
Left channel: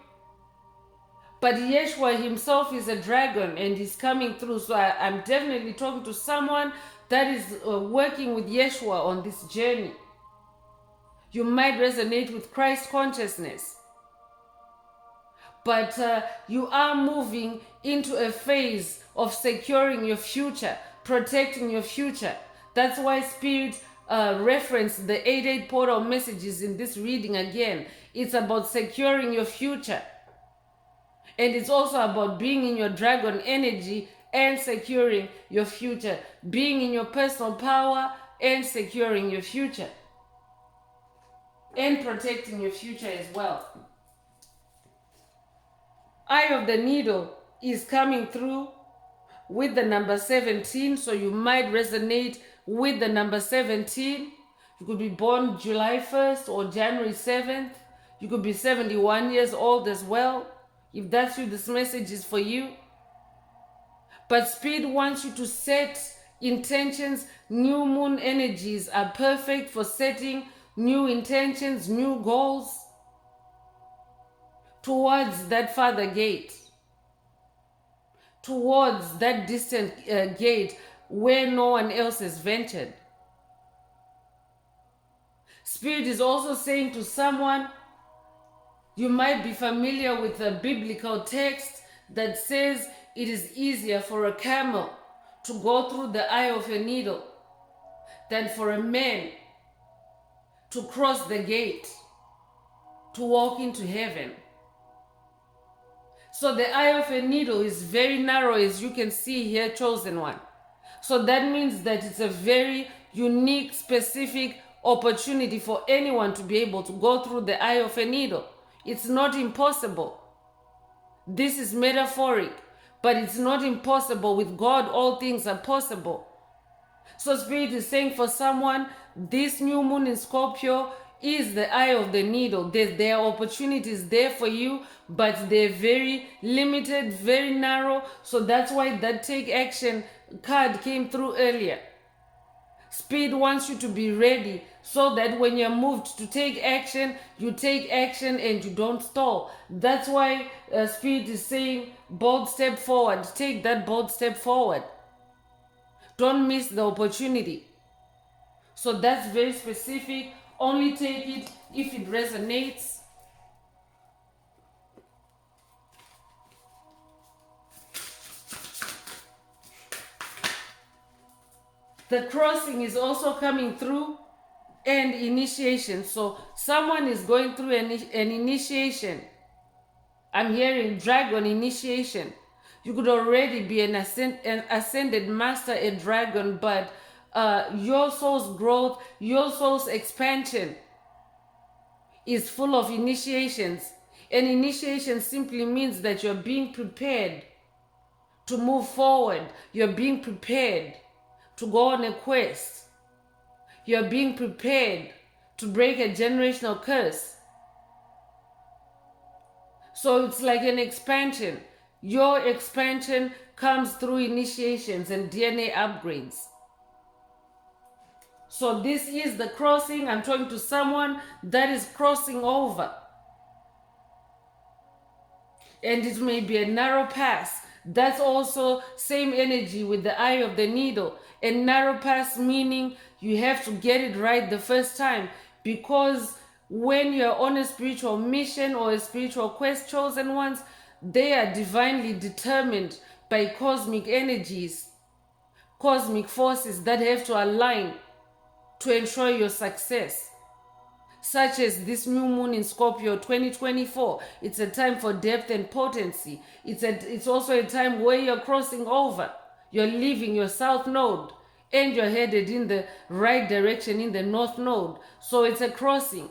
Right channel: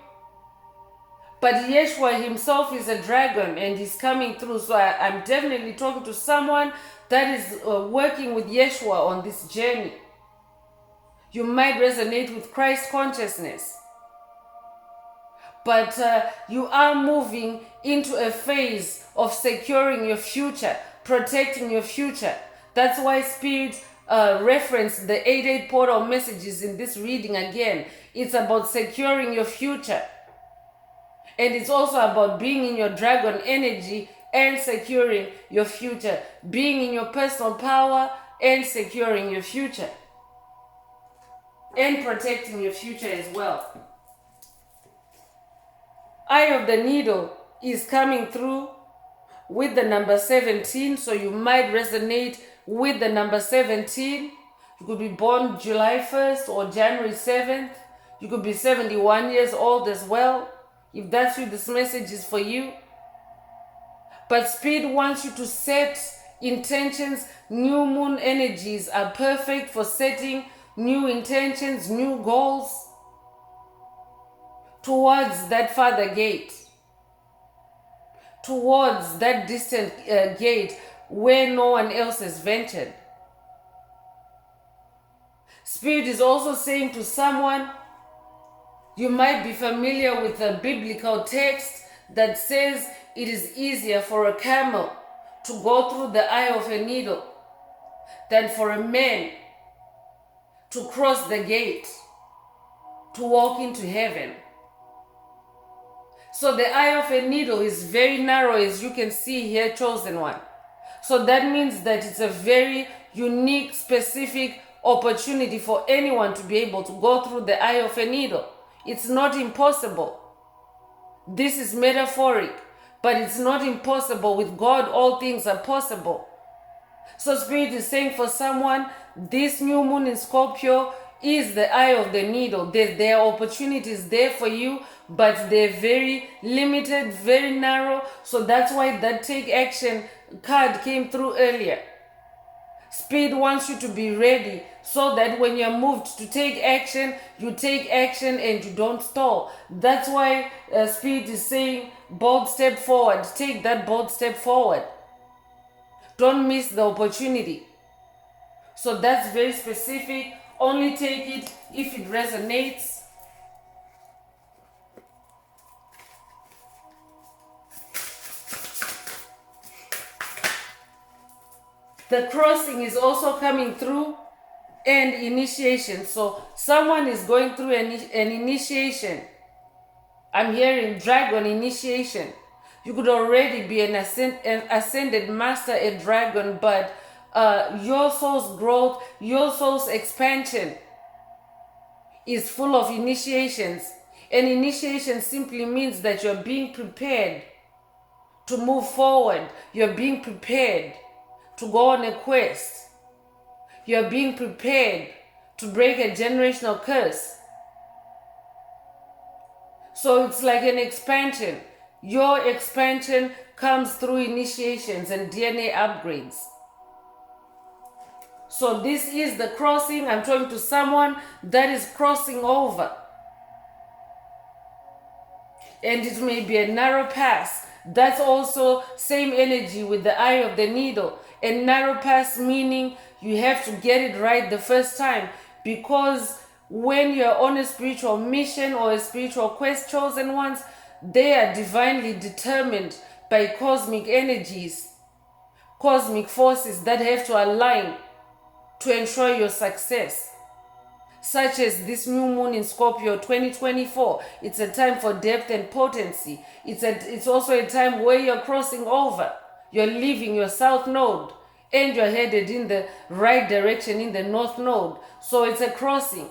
But Yeshua himself is a dragon and he's coming through. So I'm definitely talking to someone that is working with Yeshua on this journey. You might resonate with Christ consciousness. But you are moving into a phase of securing your future, protecting your future. That's why Spirit referenced the 8-8 portal messages in this reading again. It's about securing your future. And it's also about being in your dragon energy and securing your future. Being in your personal power and securing your future. And protecting your future as well. Eye of the Needle is coming through with the number 17. So you might resonate with the number 17. You could be born July 1st or January 7th. You could be 71 years old as well. If that's you, this message is for you. But Spirit wants you to set intentions. New moon energies are perfect for setting new intentions, new goals towards that farther gate, towards that distant gate where no one else has ventured. Spirit is also saying to someone, you might be familiar with a biblical text that says it is easier for a camel to go through the eye of a needle than for a man to cross the gate, to walk into heaven. So the eye of a needle is very narrow, as you can see here, chosen one. So that means that it's a very unique, specific opportunity for anyone to be able to go through the eye of a needle. It's not impossible. This is metaphoric, but it's not impossible. With God, all things are possible. So Spirit is saying for someone, this new moon in Scorpio is the eye of the needle. There are opportunities there for you, but they're very limited, very narrow. So that's why that take action card came through earlier. Spirit wants you to be ready so that when you're moved to take action, you take action and you don't stall. That's why Spirit is saying bold step forward. Take that bold step forward. Don't miss the opportunity. So that's very specific Only take it if it resonates. The crossing is also coming through, and initiation. So someone is going through an initiation. I'm hearing dragon initiation. You could already be an ascended master, a dragon, but your soul's growth, your soul's expansion is full of initiations. And initiation simply means that you're being prepared to move forward. You're being prepared to go on a quest. You're being prepared to break a generational curse. So it's like an expansion. Your expansion comes through initiations and DNA upgrades. So this is the crossing. I'm talking to someone that is crossing over. And it may be a narrow pass. That's also same energy with the eye of the needle. A narrow pass meaning you have to get it right the first time, because when you're on a spiritual mission or a spiritual quest, chosen ones, they are divinely determined by cosmic energies, cosmic forces that have to align to ensure your success. Such as this new moon in Scorpio 2024. It's a time for depth and potency. It's also a time where you're crossing over. You're leaving your south node and you're headed in the right direction in the north node. So it's a crossing.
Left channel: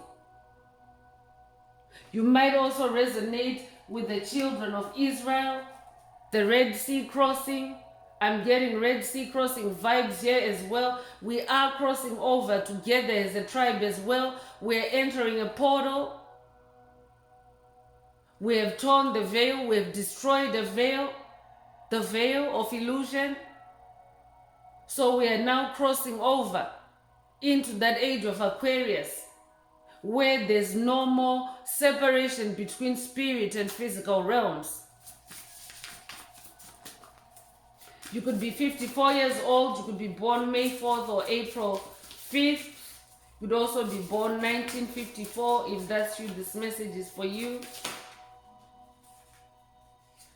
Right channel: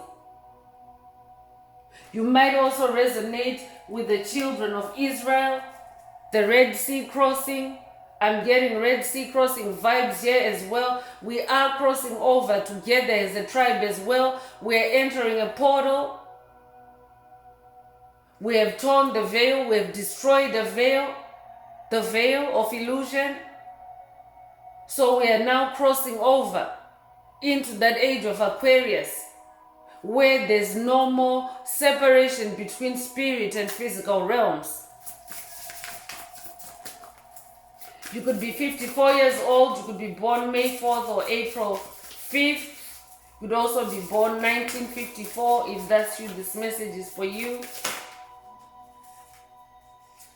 You might also resonate with the children of Israel, the Red Sea crossing. I'm getting Red Sea crossing vibes here as well. We are crossing over together as a tribe as well. We are entering a portal. We have torn the veil. We have destroyed the veil of illusion. So we are now crossing over into that age of Aquarius, where there's no more separation between spirit and physical realms. You could be 54 years old. You could be born May 4th or April 5th. You could also be born 1954. If that's you, this message is for you.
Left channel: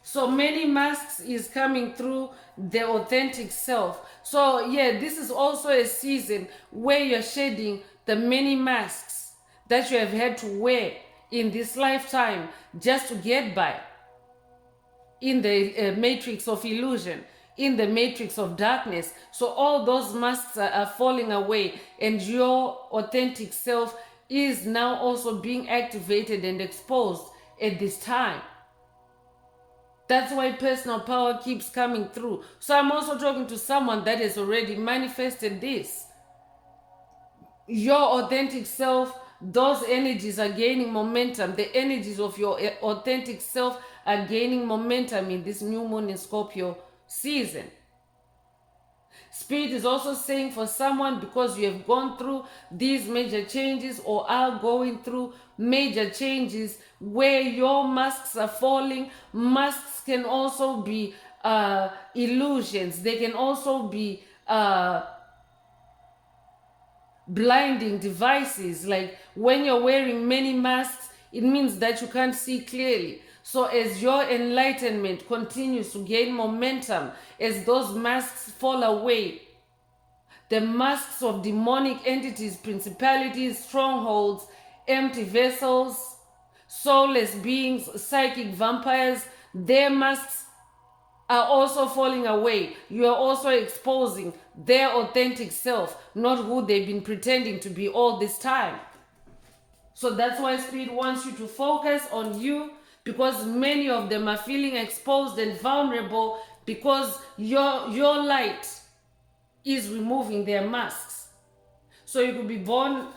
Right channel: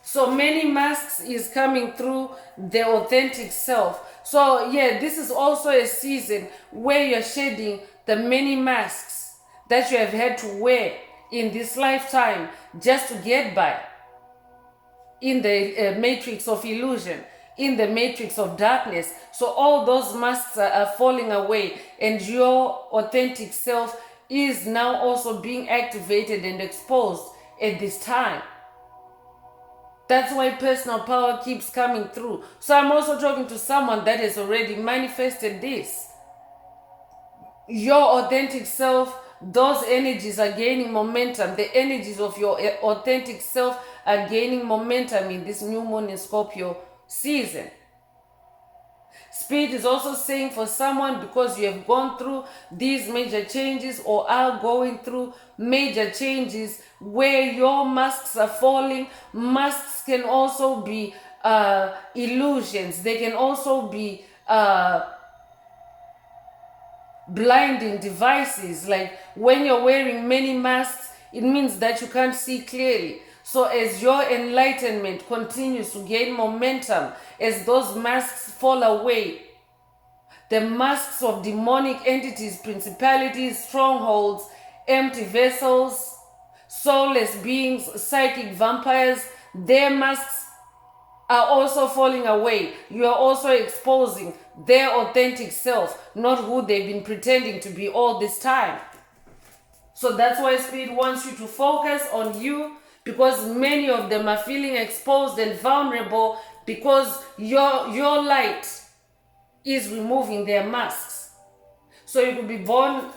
So many masks is coming through the authentic self. So yeah, this is also a season where you're shedding the many masks that you have had to wear in this lifetime just to get by in the matrix of illusion, in the matrix of darkness. So all those masks are falling away, and your authentic self is now also being activated and exposed at this time. That's why personal power keeps coming through. So I'm also talking to someone that has already manifested this. Your authentic self, those energies are gaining momentum. The energies of your authentic self are gaining momentum in this new moon in Scorpio season. Spirit is also saying for someone, because you have gone through these major changes or are going through major changes where your masks are falling. Masks can also be illusions. They can also be blinding devices. Like when you're wearing many masks, it means that you can't see clearly. So as your enlightenment continues to gain momentum, as those masks fall away, the masks of demonic entities, principalities, strongholds, empty vessels, soulless beings, psychic vampires, their masks are also falling away. You are also exposing their authentic self, not who they've been pretending to be all this time. So that's why Spirit wants you to focus on you, because many of them are feeling exposed and vulnerable because your light is removing their masks. So you could be born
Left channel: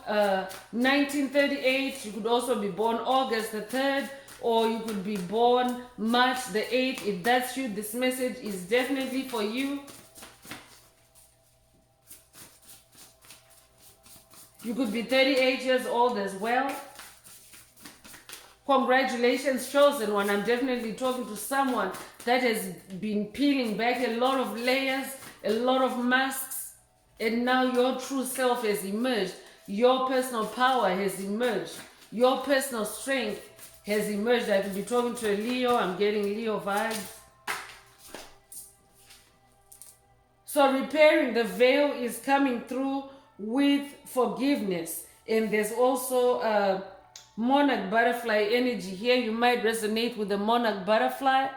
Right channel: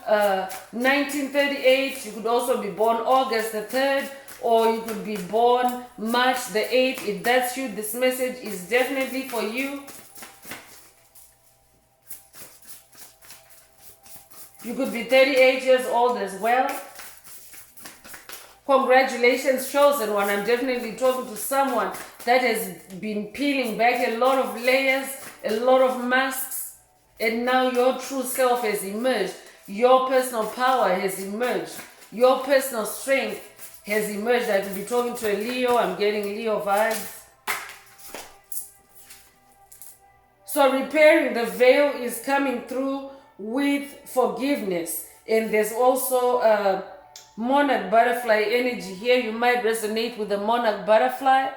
1938, you could also be born August the 3rd, or you could be born March the 8th. If that's you, this message is definitely for you. You could be 38 years old as well. Congratulations, chosen one. I'm definitely talking to someone that has been peeling back a lot of layers, a lot of masks, and now your true self has emerged. your personal power has emerged. Your personal strength has emerged. I could be talking to a Leo. I'm getting Leo vibes. So repairing the veil is coming through with forgiveness. And there's also a monarch butterfly energy here. You might resonate with the monarch butterfly.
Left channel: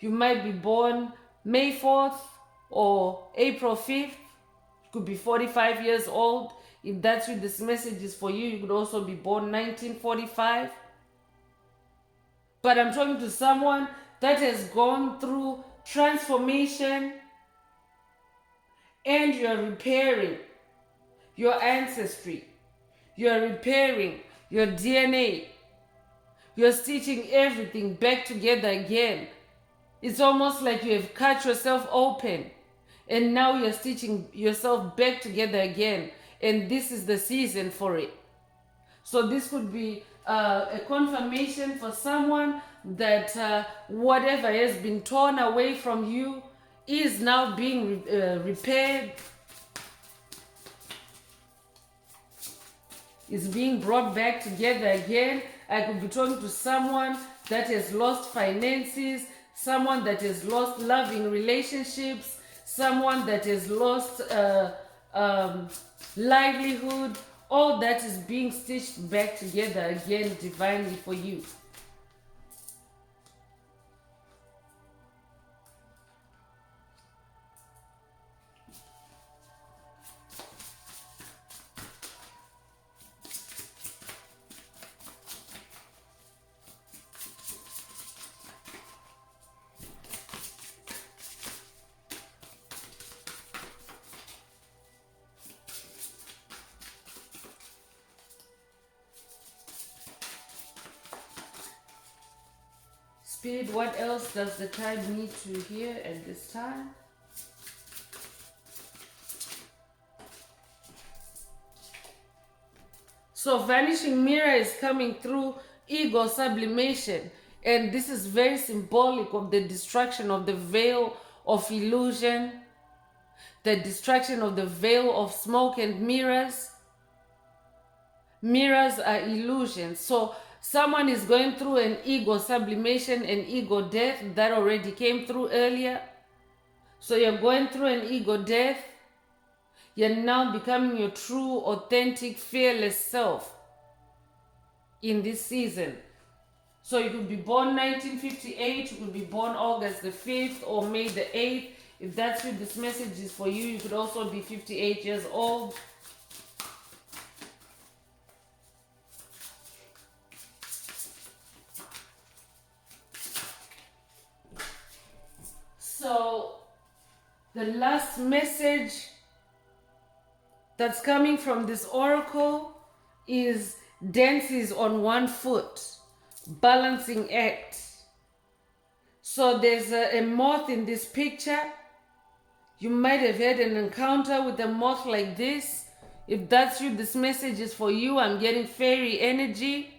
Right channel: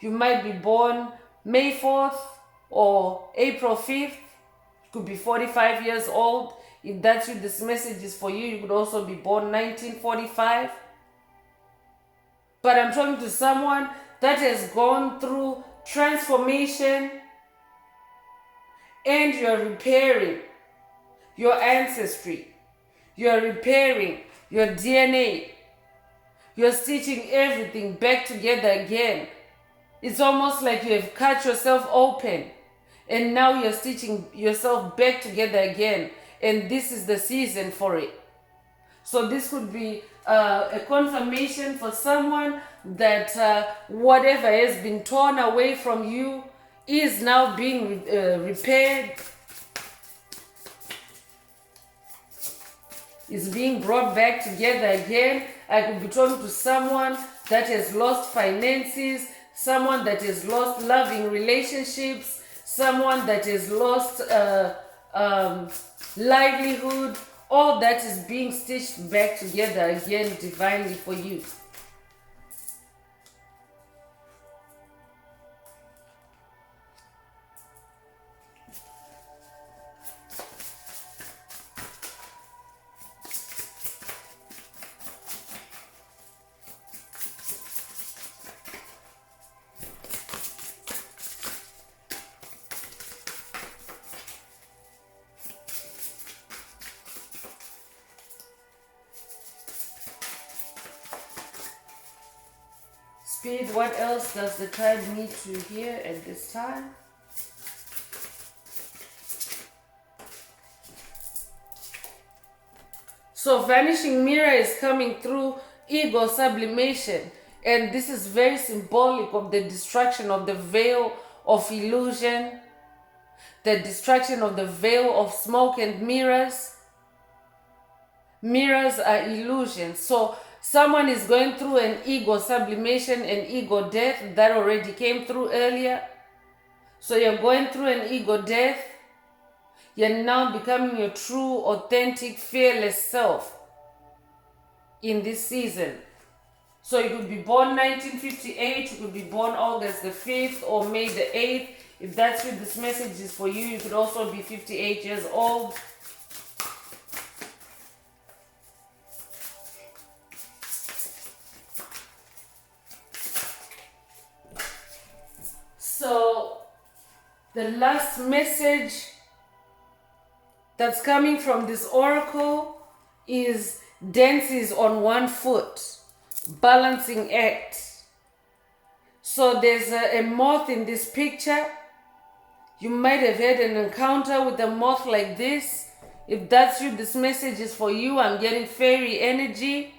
You might be born May 4th or April 5th. You could be 45 years old. If that's you, this message is for you. You could also be born 1945. But I'm talking to someone that has gone through transformation and you're repairing your ancestry. You're repairing your DNA. You're stitching everything back together again. It's almost like you have cut yourself open and now you're stitching yourself back together again. And this is the season for it. So this could be a confirmation for someone that whatever has been torn away from you is now being repaired. Is being brought back together again. I could be talking to someone that has lost finances, someone that has lost loving relationships, someone that has lost livelihood. All that is being stitched back together again divinely for you. Spirit, what else does the tribe need to hear at this time? So vanishing mirror is coming through ego sublimation. And this is very symbolic of the destruction of the veil of illusion, the destruction of the veil of smoke and mirrors. Mirrors are illusions. So someone is going through an ego sublimation and ego death that already came through earlier. So you're going through an ego death. You're now becoming your true, authentic, fearless self in this season. So you could be born 1958, you could be born August the 5th or May the 8th. If that's what this message is for you, you could also be 58 years old. So the last message that's coming from this oracle is dances on one foot, balancing act. So there's a moth in this picture. You might have had an encounter with a moth like this. If that's you, this message is for you. I'm getting fairy energy.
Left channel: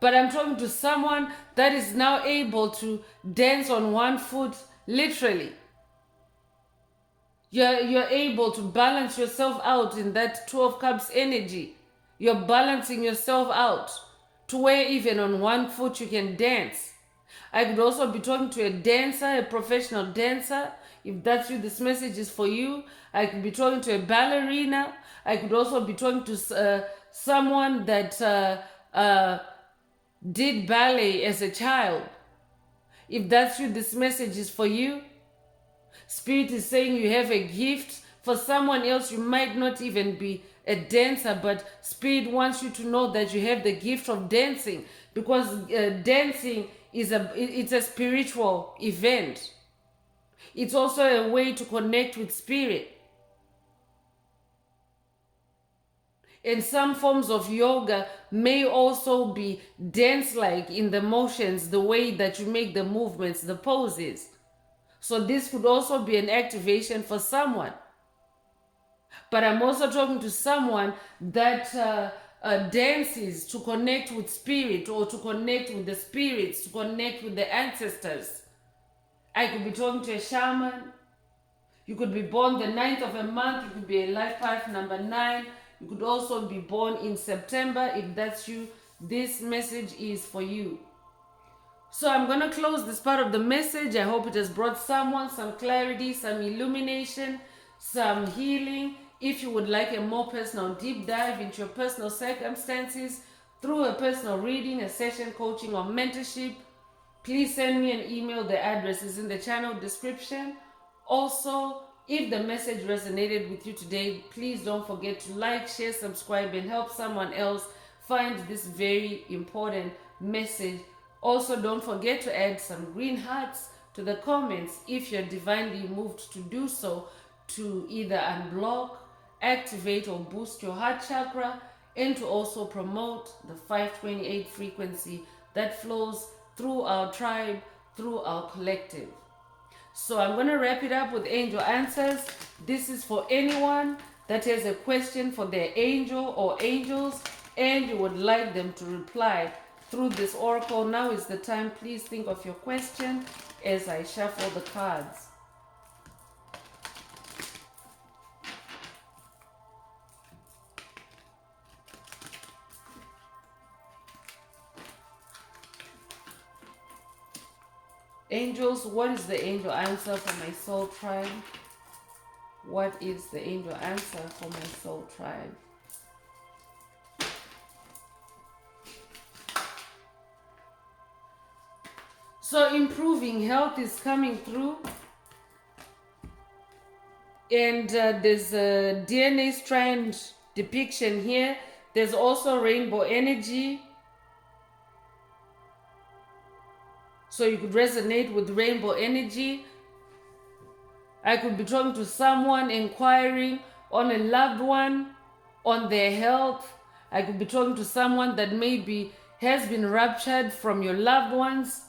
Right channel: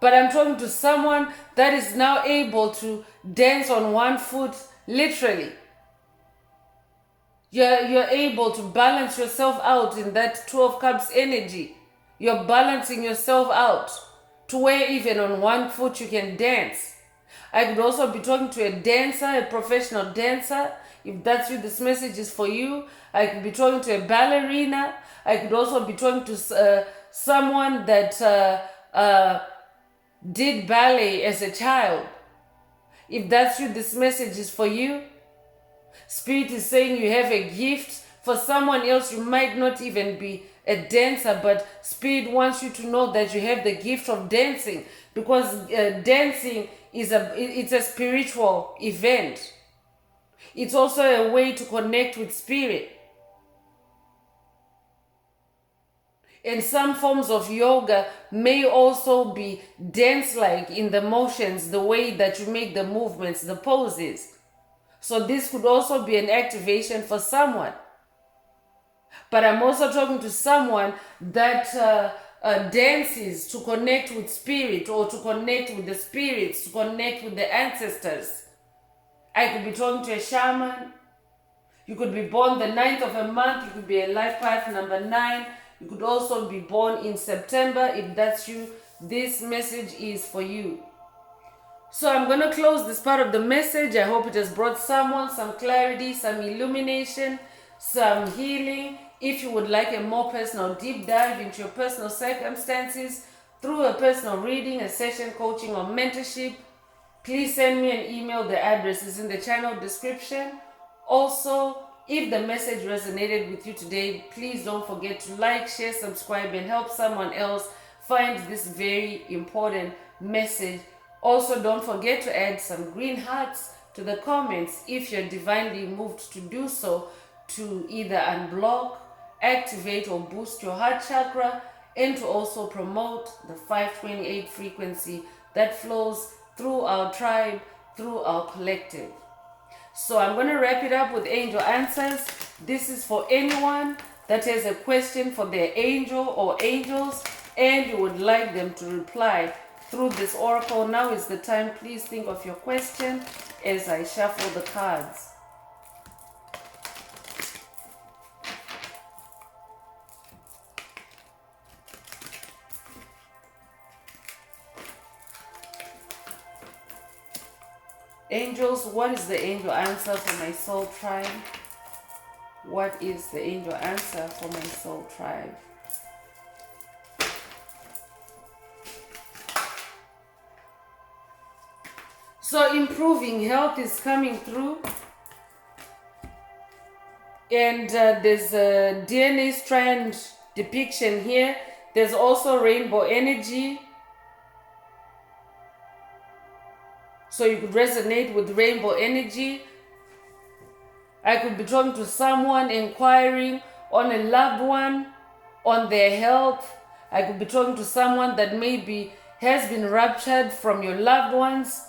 But I'm talking to someone that is now able to dance on one foot, literally. You're able to balance yourself out in that 12 cups energy. You're balancing yourself out to where even on one foot you can dance. I could also be talking to a dancer, a professional dancer. If that's what this message is for you, I could be talking to a ballerina. I could also be talking to someone that did ballet as a child. If that's what this message is for you, Spirit is saying you have a gift. For someone else, you might not even be a dancer, but Spirit wants you to know that you have the gift of dancing, because dancing is a spiritual event. It's also a way to connect with Spirit. And some forms of yoga may also be dance-like in the motions, the way that you make the movements, the poses. So this could also be an activation for someone. But I'm also talking to someone that dances to connect with Spirit, or to connect with the spirits, to connect with the ancestors. I could be talking to a shaman. You could be born the 9th of a month. You could be a life path number 9. You could also be born in September. If that's you, this message is for you. So I'm going to close this part of the message. I hope it has brought someone some clarity, some illumination, some healing. If you would like a more personal deep dive into your personal circumstances through a personal reading, a session coaching, or mentorship, please send me an email. The address is in the channel description. Also, if the message resonated with you today, please don't forget to like, share, subscribe, and help someone else find this very important message. Also, don't forget to add some green hearts to the comments if you're divinely moved to do so, to either unblock, activate, or boost your heart chakra, and to also promote the 528 frequency that flows through our tribe, through our collective. So I'm going to wrap it up with angel answers. This is for anyone that has a question for their angel or angels and you would like them to reply through this oracle. Now is the time. Please think of your question as I shuffle the cards. Angels, what is the angel answer for my soul tribe? What is the angel answer for my soul tribe? So improving health is coming through. And there's a DNA strand depiction here. There's also rainbow energy. So you could resonate with rainbow energy. I could be talking to someone, inquiring on a loved one, on their health. I could be talking to someone that maybe has been ruptured from your loved ones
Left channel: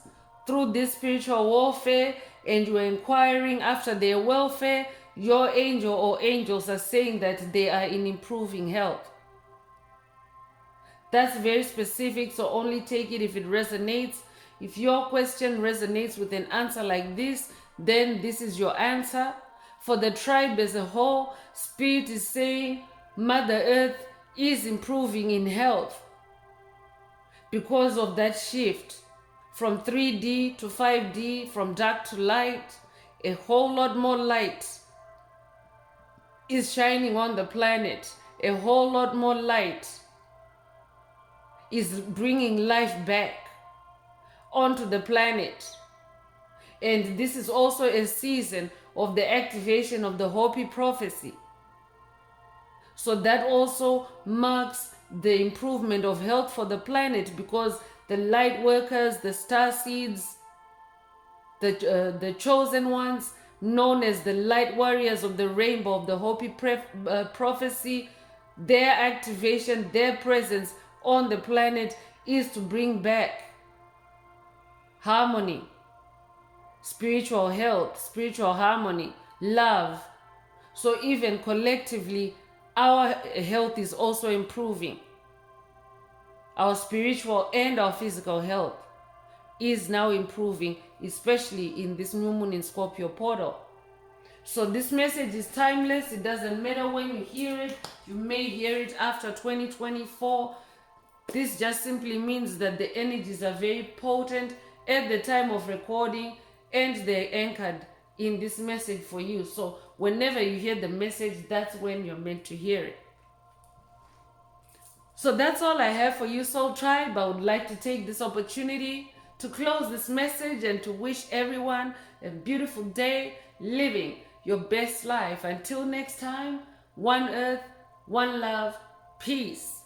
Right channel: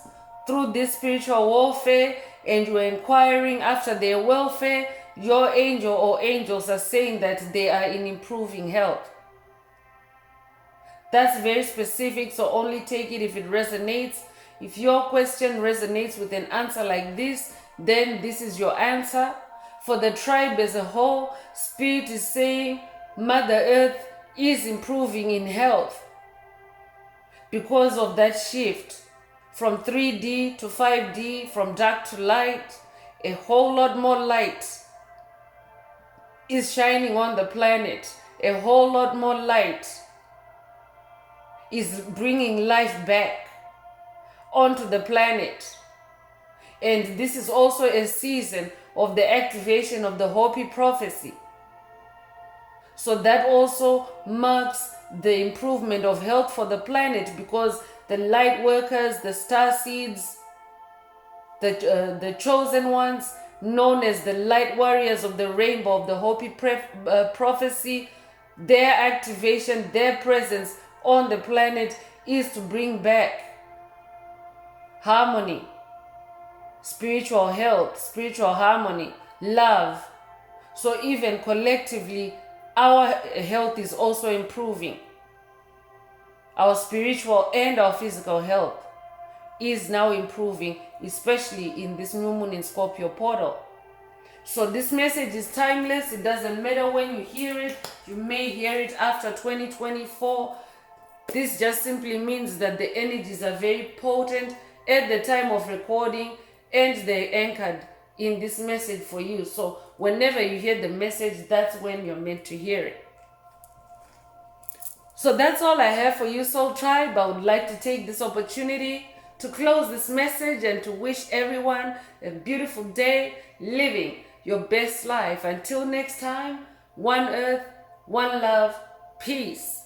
through this spiritual warfare, and you're inquiring after their welfare. Your angel or angels are saying that they are in improving health. That's very specific, so only take it if it resonates. If your question resonates with an answer like this, then this is your answer. For the tribe as a whole, Spirit is saying Mother Earth is improving in health because of that shift from 3D to 5D, from dark to light. A whole lot more light is shining on the planet. A whole lot more light is bringing life back onto the planet. And this is also a season of the activation of the Hopi prophecy. So that also marks the improvement of health for the planet, because the light workers, the star seeds, the chosen ones, known as the light warriors of the rainbow of the Hopi prophecy, their activation, their presence on the planet is to bring back harmony, spiritual health, spiritual harmony, love. So even collectively, our health is also improving. Our spiritual and our physical health is now improving, especially in this new moon in Scorpio portal. So this message is timeless. It doesn't matter when you hear it. You may hear it after 2024. This just simply means that the energies are very potent at the time of recording, and they're anchored in this message for you. So whenever you hear the message, that's when you're meant to hear it. So that's all I have for you, Soul Tribe. I would like to take this opportunity to close this message and to wish everyone a beautiful day, living your best life. Until next time, one earth, one love, peace.